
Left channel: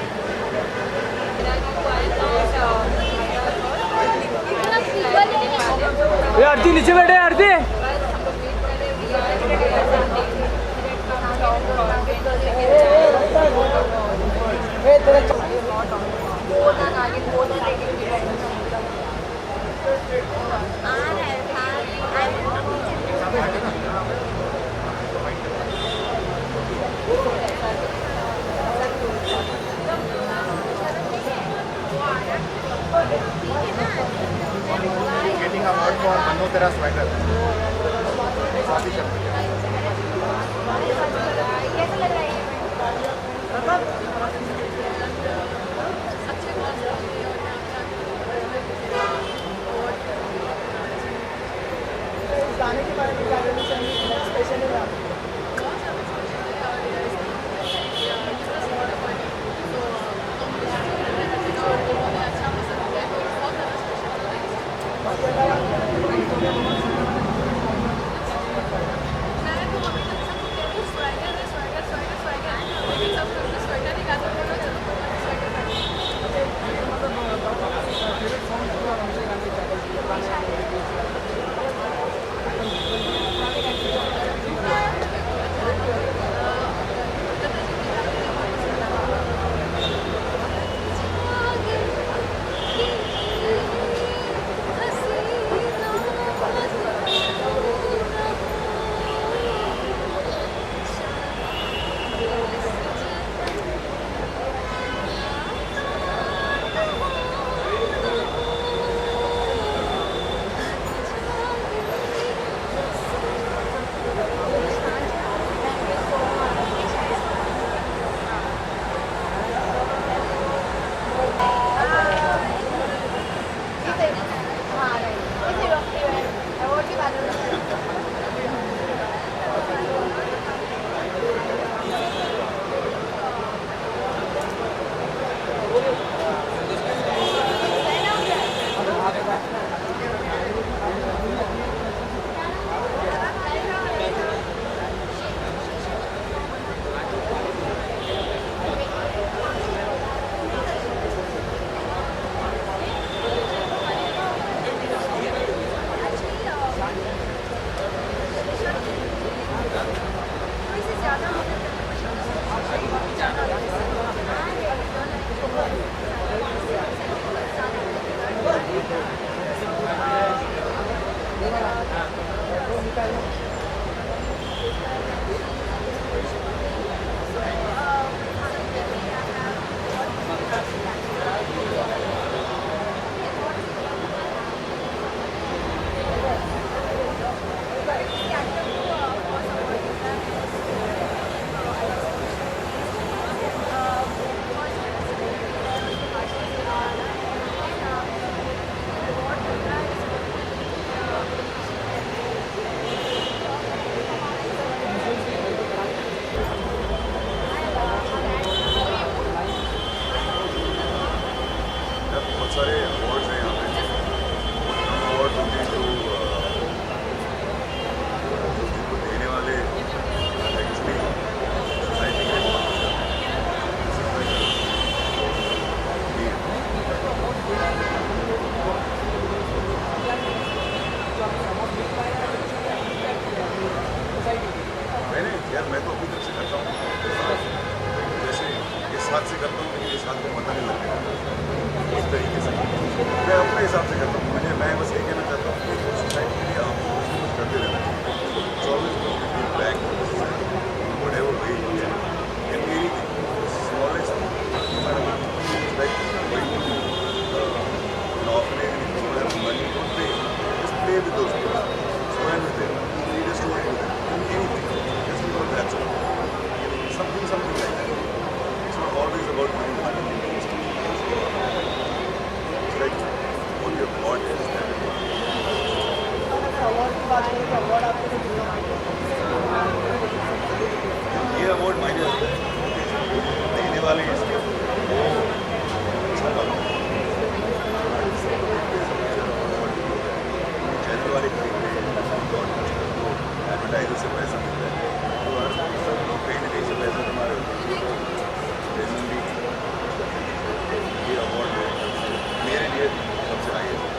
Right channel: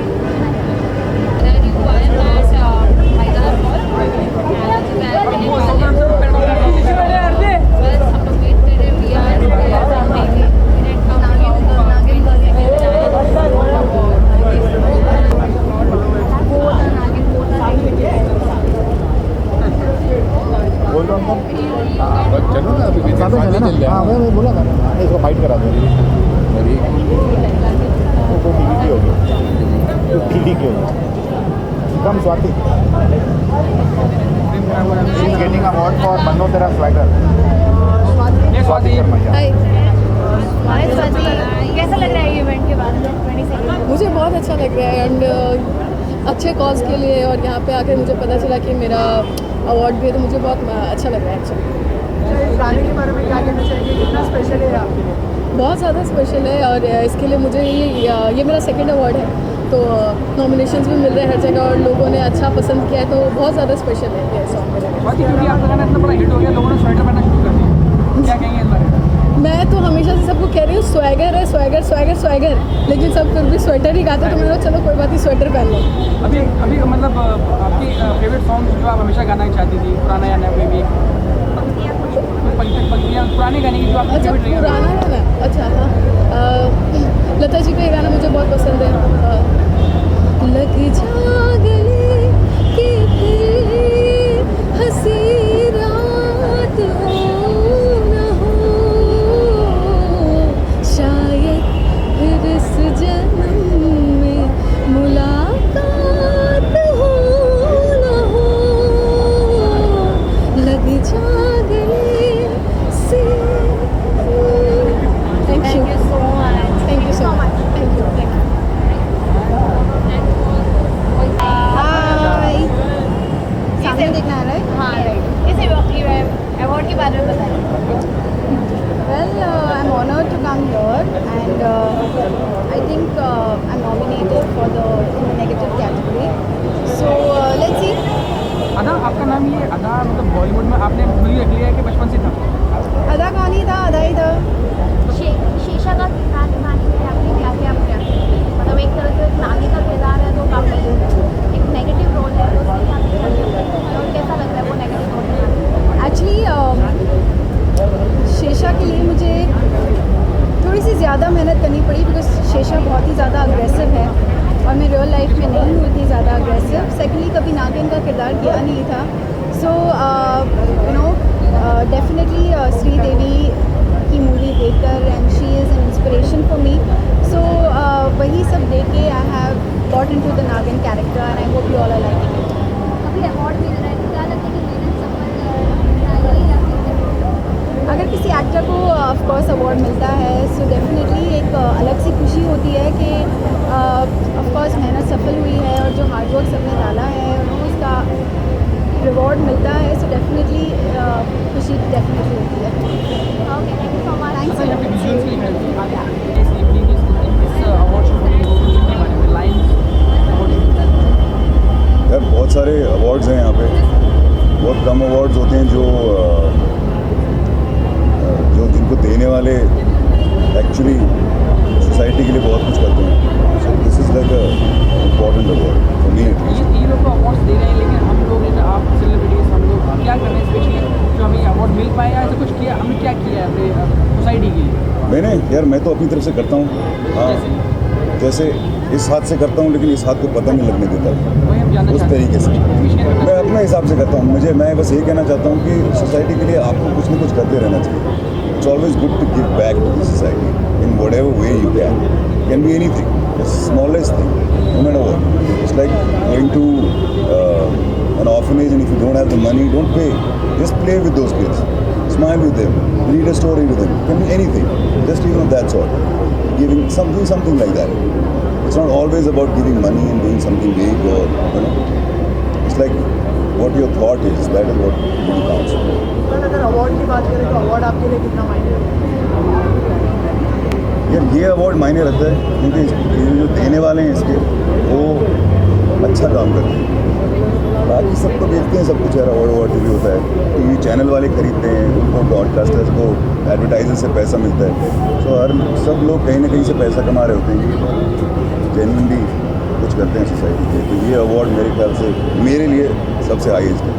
नीचे बैठे आरती। मैं बोला था इसको फाइट करा दो गेटिंग अवार्ड फॉर मनोतरा स्वैगर। कैसा लग रहा है इवेंट के बाद? मुझे बहुत अच्छा लग रहा है एंड अच्छे कॉज के लिए, और यहाँ पे आकर मुझे पता चला कि मेरा अवार्ड भी है, तो मुझे बहुत अच्छा लग रहा है। गाने के बारे में क्या कहना चाहिए, कितना स्पेशल है आपके लिए? बहुत ज़्यादा स्पेशल है, और इसके लिए मुझे ये मेरा सेकंड अवार्ड है, तो नॉमिनेशंस भी मिल रहे हैं हर जगह और लोगों ने अच्छा पसंद किया है, तो बहुत ज़्यादा स्पेशल है ये सॉन्ग। मैं तो हमेशा से सबको कह रही हूँ स्वैगर है, स्वैगर स्वैगर स्वैगर, लेकिन सब फिर भी स्वेटर ही गाते, तो मैंने कहा चलो कोई बात नहीं, स्वेटर पहन लो। अभी मतलब आपकी फेवरेट सॉन्ग जो आप हमेशा गाना चाहती थी, पुराना या नया कोई पुराने गाने की जो आप? अच्छा पुराना गाना, अच्छा लता जी का गाना मुझे बहुत पसंद है, लग जा गले कि हंसी रात हो न हो, शायद फिर इस जन्म में मुलाकात हो न हो, लग जा गले से। Thank you so much. Thank you so much. Thank you. हाय, सामने देखना है राइट? हाँ राइट। कैसे अवार्ड के बारे में बताएं। Well, I'm honored to come here, and I think I'm nominated for the negative category. So let's see. अदा, आपका नाम ये अदा मतलब बॉलीवुड में आपने भूली रखी है कि बचपन से था? अदा कहानी था, अदा ही था। शीशा का किरदार बनाने के लिए क्या क्या मतलब एक तरह से नानी का किरदार है, तो काफी एक नेगेटिव रोल है, कैसा लग रहा है वो नेगेटिव? एक्चुअली शेषा के लिए मुझे थोड़ी सी ज़्यादा मेहनत करनी पड़ी, बिकॉज शेषा बहुत ही ज़्यादा अग्रेसिव है और मैं रियल लाइफ में नहीं हूँ इतनी ज़्यादा अग्रेसिव। सेकेंडली कभी नागिन का किरदार किया नहीं था, सो डेफिनेटली श्रीदेवी की मूवी देखकर, and she is an inspiration for me, so वही सब देख के I have got into the Naagin character, and hope you all are like. अगर किसी एक्टर को ऑफकोर्स अवार्ड मिलता है, सो डेफिनेटली एक अलग सी खुशी होती है कि ऑफकोर्स मेहनत सफल हुई है और जो हार्ड वर्क सबने डाला है उसका रिवॉर्ड मिलता है, सो डेफिनेटली खुशी डेफिनेटली होती है। यार बहुत सारे अवार्ड्स हैं यहाँ पे, बहुत कम अवार्ड्स होते हैं जो जिनको देने वाले एक्चुअली सोसाइटी के लिए बहुत कुछ करते हैं। So this is like a important award for me. मैंने यार मैं तो अपनी तरफ से करता हूँ, जैसे इस हाथ से करता हूँ, लेकिन इस हाथ को पता नहीं लगने देता, उस तरीके से मैं अपने हिसाब से करता हूँ। मैं बस यही कहना चाहता हूँ कि सोसाइटी के लिए आपको कुछ ना कुछ करते रहना चाहिए। It's always good to give back to the society in whatever way you can be anything, the smallest thing, no matter what. It's like going to an orphanage, and if you don't have the money, don't pay. Just play with those kids, smile with them, read a story with them. It can be anything. Just even of that sort. Giving something like that. It's not always about giving money and doing something big or, you know. It's like what your plot is. That is what really counts. अगर अवार्ड की बात करें तो अवार्ड आपके लिए कितना मायने रखता है? ये अवार्ड मायने रखता है क्योंकि जो देने वाले हैं इसके वो अच्छा काम करते हैं। बाकी सब तो देखते हैं, सब कुछ यार अवार्ड भी होता है। टीवी चैनल वाले खरीदते हैं, उनको ब्रॉडकास्टर्स को एडवर्टाइजर से पैसा मिलता है। तो हर सब लोग कहीं ना कहीं से पैसा कमा रहे होते हैं, जेन्युइनली कुछ करते हैं सोसाइटी के। तो ये अवार्ड मेरे ख्याल से मेरे लिए सबसे हाईएस्ट है।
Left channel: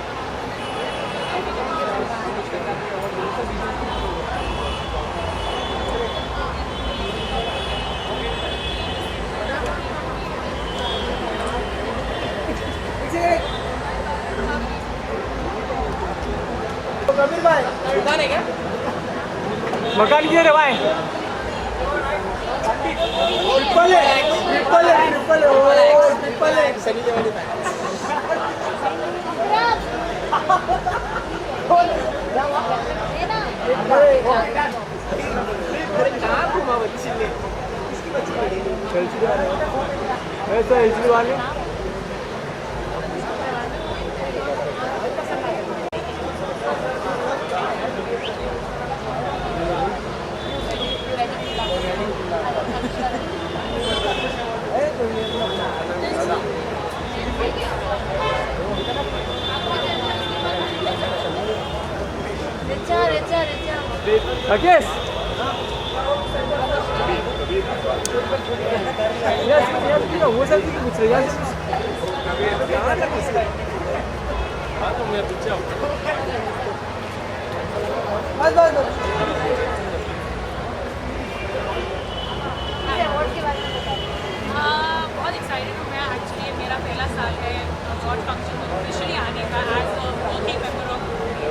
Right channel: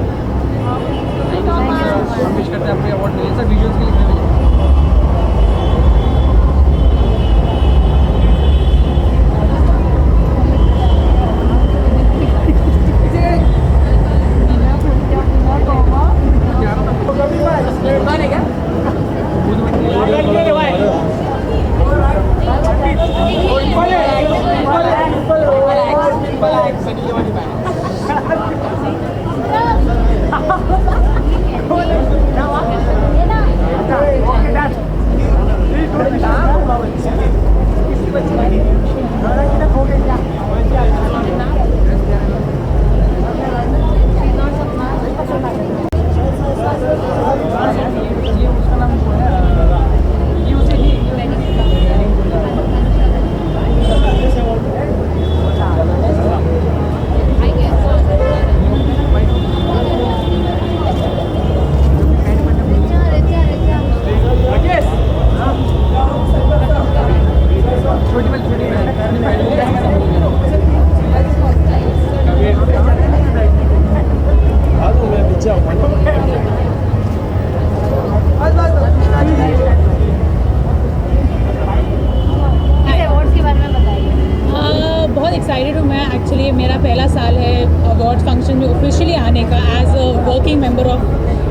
बहुत एक्साइटेड हूँ मैं। एक्चुअली मेरा पहला साल है अवार्ड फंक्शन में ऑफिशियली आने का as a working member of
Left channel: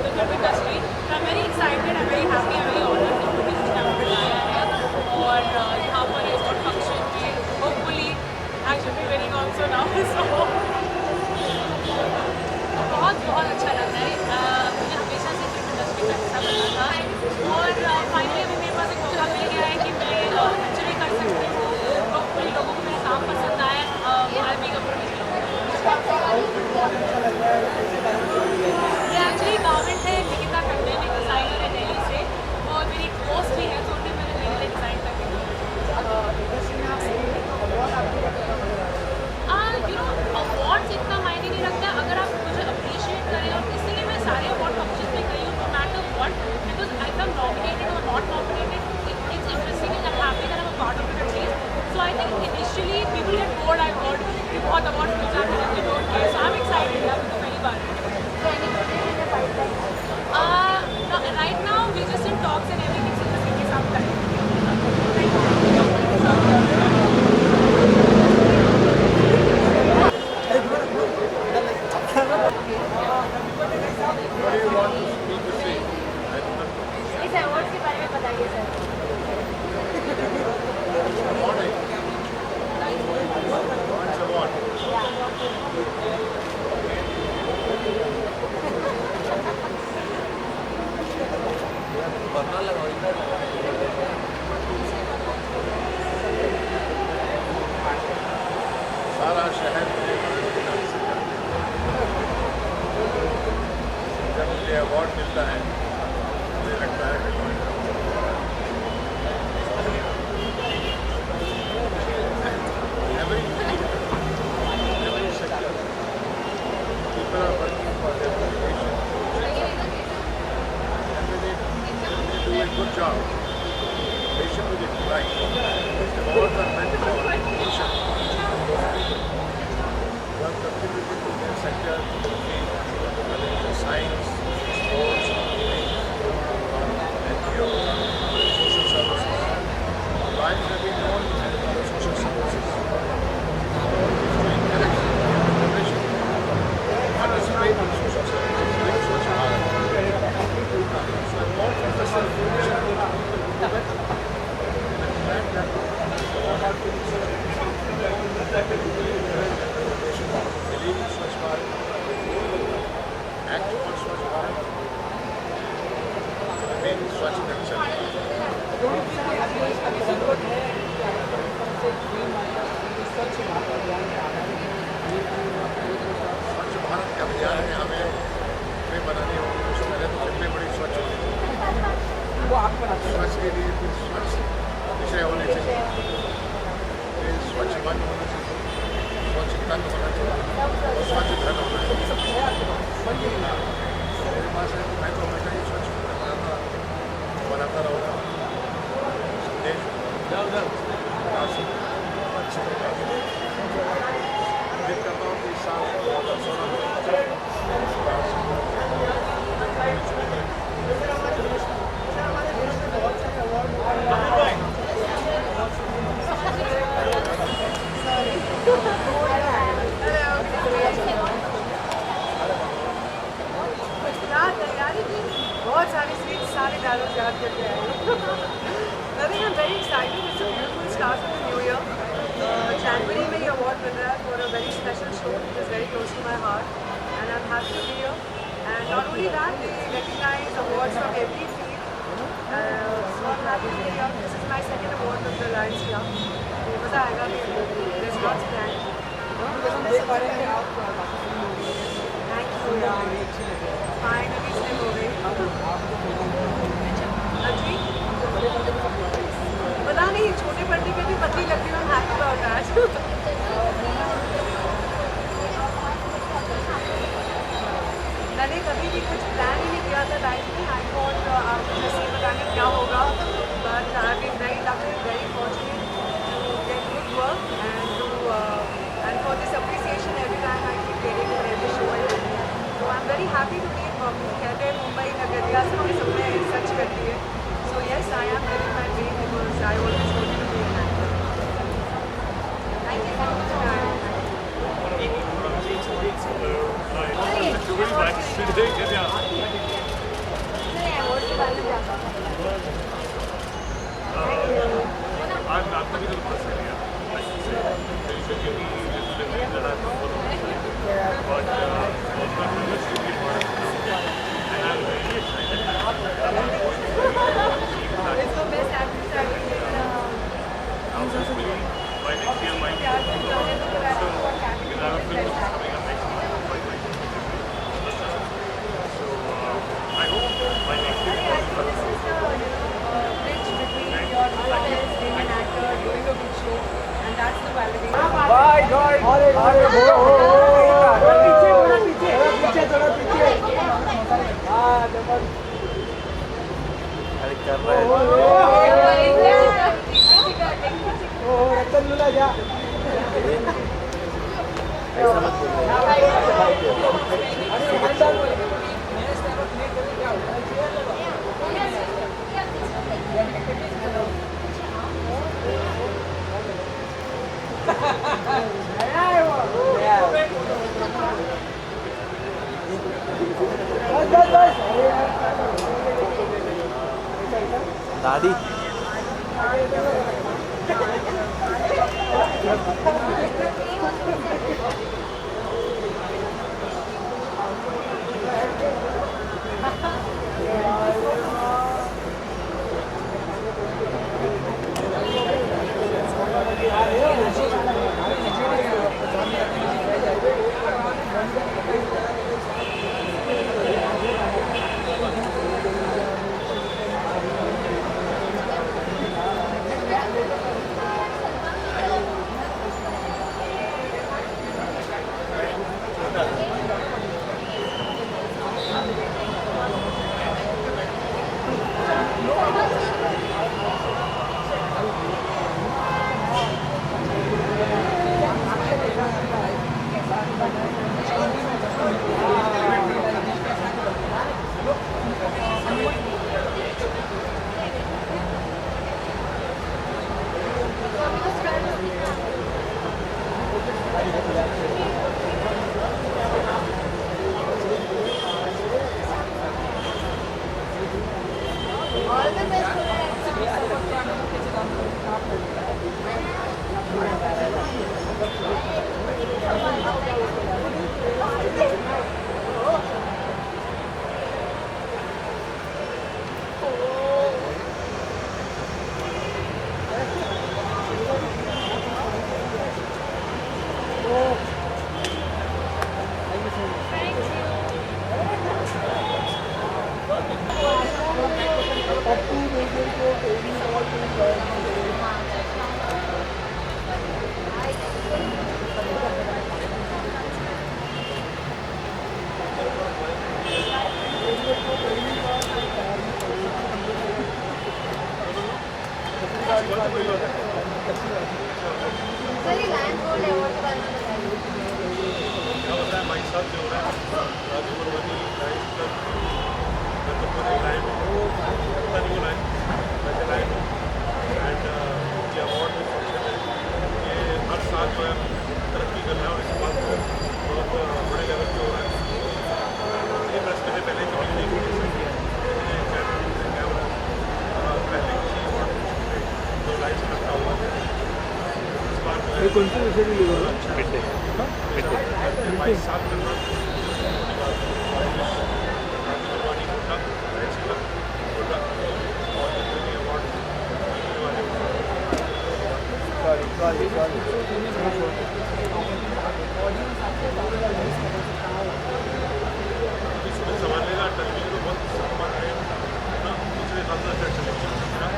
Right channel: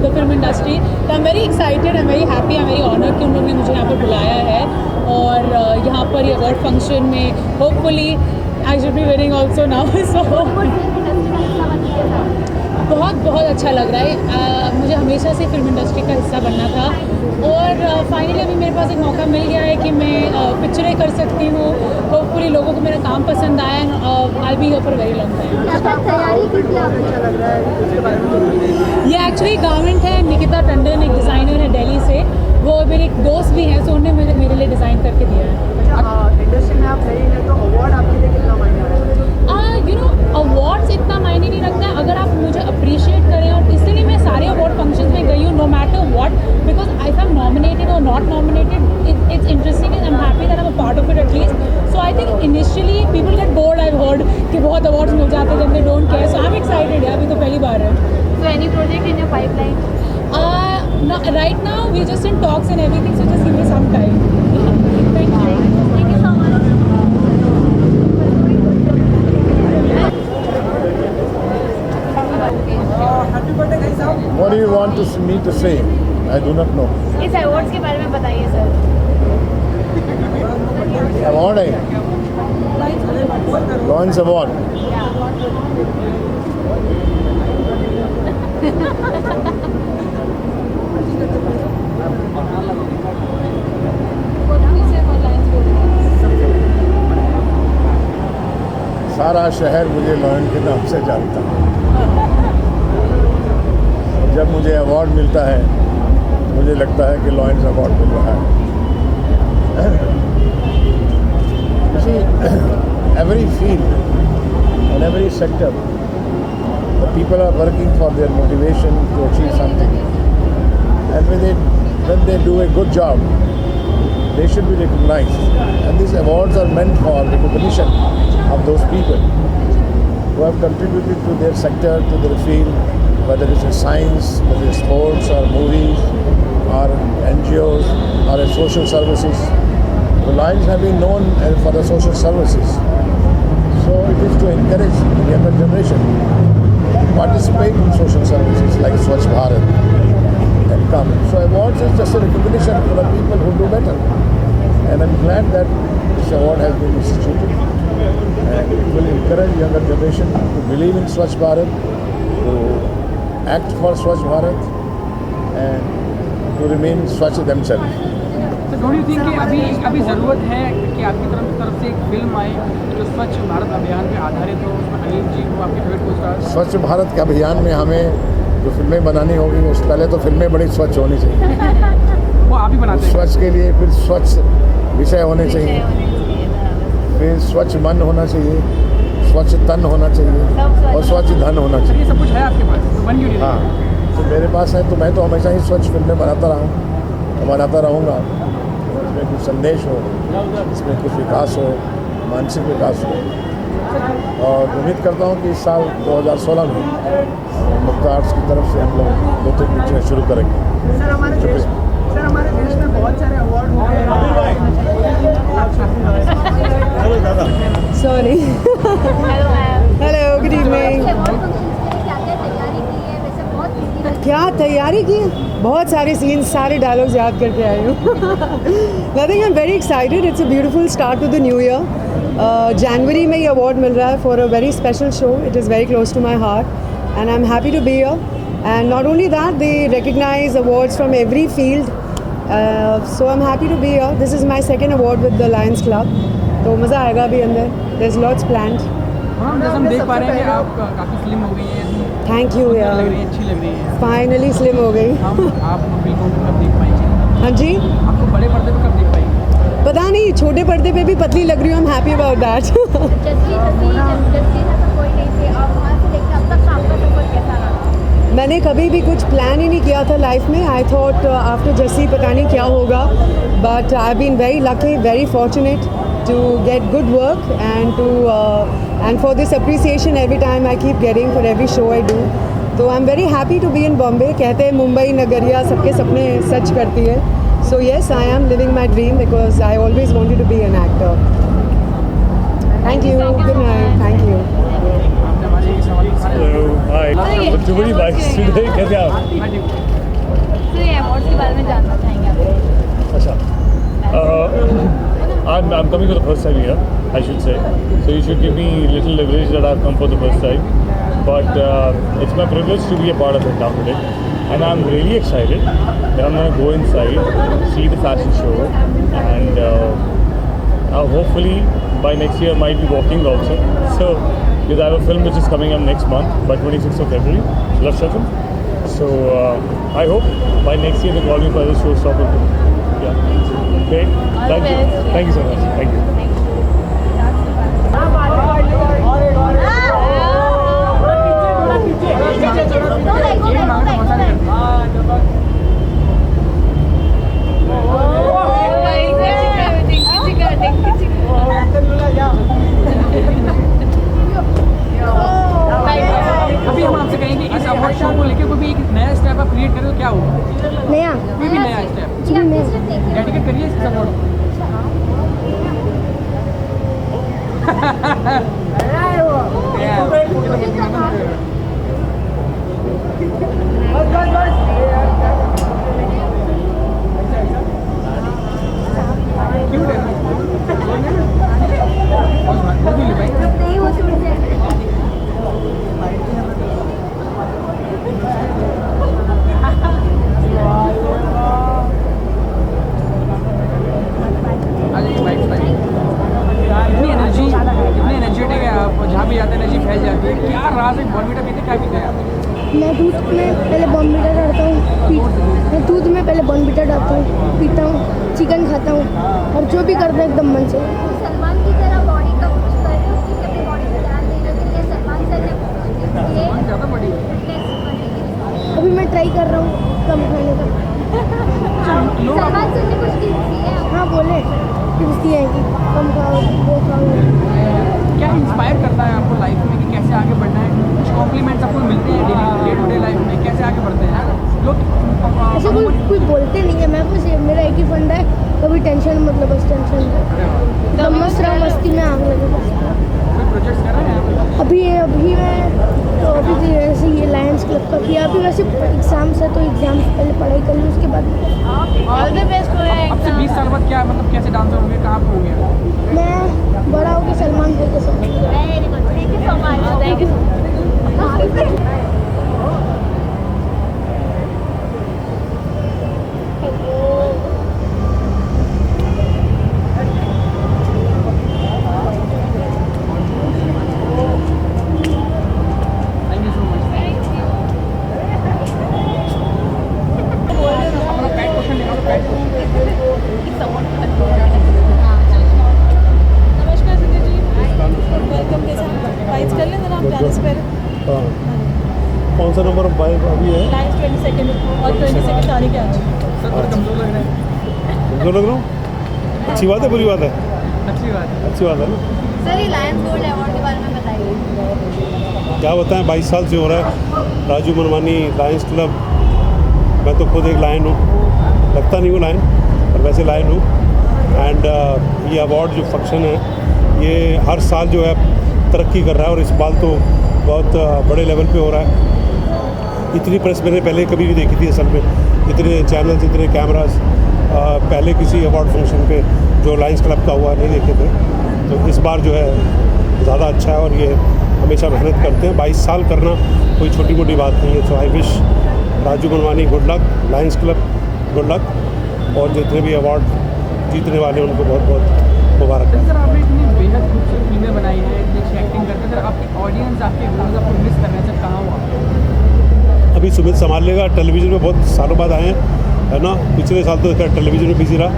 the film industry. तो I am very excited, I am very happy, I am very honoured कि उन्होंने मुझे यहाँ पर बुलाया है। और यहाँ पर ये अवार्ड फंक्शन में hopefully I should be winning also now. So बहुत अच्छा लग रहा है। मुझे हमेशा से फिल्म इंडस्ट्री का हिस्सा बनना था और फाइनली अभी मेरे पास एक मौका मिल गया है कि मैं पिक्चरें कर सकती हूँ। होपफुली लोगों को मेरा काम पसंद आया and I be here for very long time. ये एक्चुअली गारमेंट है, निकिता टंडन एक डिज़ाइनर है दिल्ली से, वो मेरे एक दोस्त भी हैं, तो उन्होंने मेरे लिए डिज़ाइन करके दिया। यू नो अवार्ड्स इतना मायने नहीं रखता है अगर आप मुझे अप्रिशिएट करें। और इसलिए मैं सारे अवार्ड फंक्शन में गई हूँ, no matter what, because I am nominated और not nominated, it's interesting and I am happy that I am a part of it at least. So I think initially people get bored, I heard कि बहुत अवार्ड्स मिल जाते हैं, they don't care. So I am excited, अभी तो पहली बार है। So any project in your pipeline? Right now we're just in talks and everything, so just give me some time. Thank you so much. What do you want me to say? I do not know. इस अवार्ड्स के बारे में बताइए सर। Award है Lawrence Award. सारा शहर मुझे लॉयन के नाम से जानता है। जब मुझे अवार्ड मिलता है मुझे लगता है कि लॉयन अवार्ड मिल रहा है। Every field and every sector, the people are working for their motivation to achieve something, and when they do a good job, they should be recognized. And these awards are meant for the recognition of those people who have contributed to their sector, to their field, whether it's in science, whether it's sports or movies or NGOs or in social services. The Lions have been known for the social services. So it is to encourage the younger generation to participate in social services like Swachh Bharat. So awards is just a recognition for the people who do better. And I'm glad that this award has been instituted. And it will encourage younger generation to believe in Swachh Bharat, to act for Swachh Bharat, and to remain swachh themselves. So don't you think कि अभी ज़रूरत है कि आपकी तरफ से एक फिल्म आए जो स्वच्छ भारत अभियान पे आधारित हो, उसमें जी हो आपके घर को स्वच्छ भारत के अभियान में हमें जो फिल्में बनानी होगी उससे पहले तो फिल्में बड़ी स्वच्छ होनी चाहिए। वो आप ही बनाते हैं। स्वच्छ के लिए कुछ स्वच्छ विषय होने चाहिए, फिर स्वच्छ मन होना चाहिए, स्वच्छ तन होना चाहिए और स्वच्छ धन होना चाहिए। सब कुछ है आपके पास, हाँ, तो मेरे पास है, तो मैं तो हमेशा ही स्वच्छ फिल्में बनाता रहा हूँ, बनाता रहूँगा। इसमें कुछ संदेश हो, इसमें कुछ विकास हो, मानसिक विकास हो, और उम्मीद करता हूँ कि इस साल 2016 में मुक्ता आर्ट्स की तरफ से हम लोग 2-3 पिक्चरें शुरू करेंगे। सर हमारे देश में बहुत सारे अवार्ड हो गए हैं। Sorry. Hello, good evening. क्या तैयारी की? बहुत सारे सीन्स, सारे डायलॉग्स याद करके आई हूँ। I think I'm very excited. It's a beautiful start to the new year. जनवरी में ये अवार्ड मिल रहा है for a very special show. It is very close to my heart, and I'm happy to be here. And not only that, they recognize awards from every field. So I'm happy to be here. This is my second award with the Lions Club. तो मज़ा आएगा अभी अंदर. There's lots planned. हाँ, जैसे हम देख पा रहे हैं कि आप काफ़ी स्लिम हो गई हैं। Thank you यार. अच्छी लग रही है। Finally slim हो गई. हाँ जी. आपको बड़े पर्दे पर कब देख पाएंगे? पता नहीं, छोटे पर्दे पे भी पतली लग रही हूँ. I'm happy about that. मैंने कभी भी कुछ प्लान ही नहीं किया था लाइफ में. आई थॉट आफ्टर जस्सी पता नहीं क्या होगा, but I have been very lucky, very fortunate to get good work and for this appreciation every time I keep getting for every show I do. So I'm very happy to be in Bombay. कहते हैं मुंबई नगरिया सबके सपने सच करती है. So yes, I am living my dream because I always wanted to be an actor. Thank you. Good night. Thank you. Hello. Hi. Too many bikes today. कैसे आप? अवार्ड के बारे में जानना चाहेंगे. I'm coming for the first time here, I should say. So you should give me a little leverage that I've come for the first time. But it's my privilege to be a part of it now today. And I'm really excited that I'm going to go inside, see the fashion show, and hopefully by next year I might be walking also. So, because I have a film which is coming up next month, by 26th of February, Lustrosen. So I hope by next year the volume by the show stop. Okay, thank you so much. Thank you. अभी हम आपसे कहेंगे इस अवार्ड शो को लेकर कोई भी एक नया स्टेप आप क्रिएट करें तो क्या होगा? नया कोई भी नया स्टेप डेडिकेट करिए इस अवार्ड को. मैं दूध में पहले बॉर्नविटा डालता हूँ, मैं दूध में पहले बॉर्नविटा डालता हूँ, पीता हूँ, चिकन खाता हूँ और जो भी करता हूँ एकदम मन से. अभी मैं ट्राई कर रहा हूँ कम खाने का. हाँ बोले पूछती है कि कम खाओ वो खाओ. क्या इंस्पायर करता है आपको लाइफ में कि कैसे आगे बढ़ना है? कुछ कॉम्प्लीमेंट्स आपको मिलते हैं डेली लाइफ में, कैसे आगे बढ़ते हैं लोग? ऐसे कोई बोलते नहीं है. मैं कुछ मेरा एक ही फंड है, कभी टेंशन मतलब बस टेंशन एकदम मस्त रहा, मस्ती में आग लगे. अभी मैं अभी जैसे ये लायंस क्लब का किया, अभी वैसे एग्जाम्स है तो एग्जाम्स पहले पढ़ाई कर ली, उसके बाद ऑल द बेस्ट. आपसे 20 साल बाद क्या मतलब कैसे डांस होंगे, कहाँ पे होंगे? मैं बड़ा होकर सलमान खान को समझ. कौन सा नंबर अभी है? 22nd को और 26 तारीख है। जो लग रहा हूँ अच्छी बात है, बुरी बात है? अच्छी बात है। सर, ये लायंस गोल्ड अवार्ड के बारे में बताइए। क्या बताएं, 22 साल से हो रहा है। राजू मनवानी लायंस क्लब, मैं तो खुद एक लायन हूँ, लगता नहीं हूँ लायन और वैसे लायन हूँ। एंड ये अवार्ड जो फंक्शन है ये हर साल जो है तरक्की कर रहा है और इस बार तो बहुत बड़े लेवल पे हो रहा है। इतनी प्रेस मैंने पहले कभी नहीं देखी थी असल में, इतने चैनल्स, इतने कैमरास पहले किसी अवार्ड फंक्शन पे जो लायंस क्लब का हुआ नहीं देखे थे। तो इस बार जो है ज़्यादा अच्छा है और ये हमेशा मेहनत करते हैं। 22 साल करना कोई छोटी मोटी बात नहीं है। So I wish Raju Manwani good luck, Lions Club good luck, और जितने भी अवार्ड जीतने वाले उनको बहुत बहुत मुबारक है। बेहद खूबसूरत फिल्में बनाई हुई है, इतनी अच्छी एक्टिंग करके सर आपकी ऑडियंस आपके बहुत ज़्यादा मिस कर रहे हैं सर, कहाँ हुआ? अभी सुमित संभाल लेगा, टेलीविज़न में बहुत सालों बाद आए हैं, है ना। पिछले साल तो इसका टेलीविज़न में बिजी रहा,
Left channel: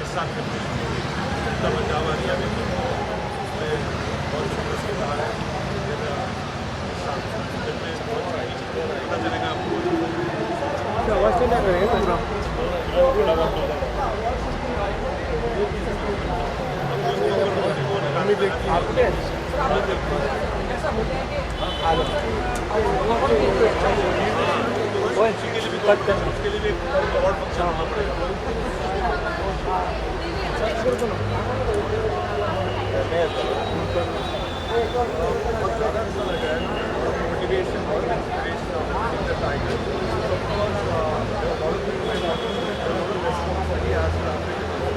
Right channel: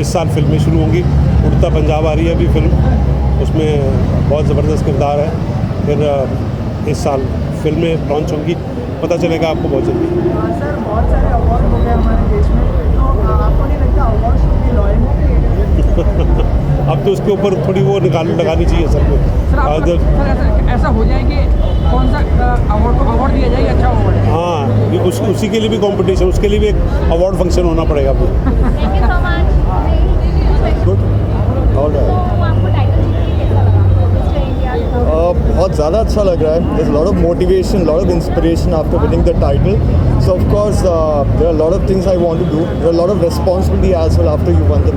इस साल फिल्में शुरू होंगी। उड़ता पंजाब आ रही है अभी फिल्म, उसमें बहुत ज़बरदस्त किरदार है। फिर इस साल फिल्में लॉन्च होंगी, पता चलेगा आपको बहुत जल्दी। अब तो उसके ऊपर थोड़ी वो लगानी चाहिए सबको। ऐसा हो जाए कि कौन सा अवार्ड दिया जाए, अच्छा अवार्ड है। हाँ, उसी के लिए भी कंपटीशन, उसके लिए भी एक अवार्ड फंक्शन होना पड़ेगा फिर। बहुत ज़्यादा अच्छा लग रहा है। There's a lot of motivation, lot of inspiration after winning the title. So of course there are a lot of things I want to do. There are a lot of responsibility as well after you won the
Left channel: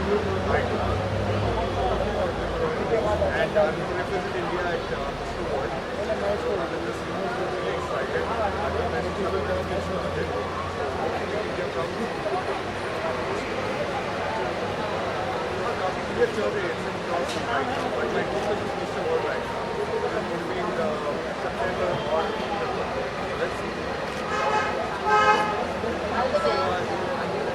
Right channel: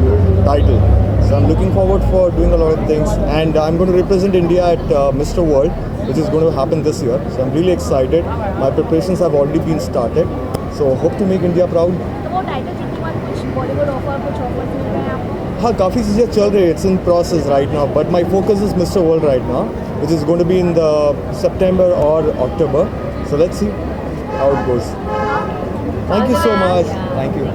title. So I'm looking forward for doing a lot of things, and I'm going to represent India at Mr. World, which is going to happen this year. So I'm really excited. My preparations have already been started. So hope to make India proud. हाँ, काफ़ी चीज़ें चल रही है, it's in process right now, but my focus is Mr. World right now, which is going to be in the September or October. So let's see how it goes. Thank you so much. Thank you.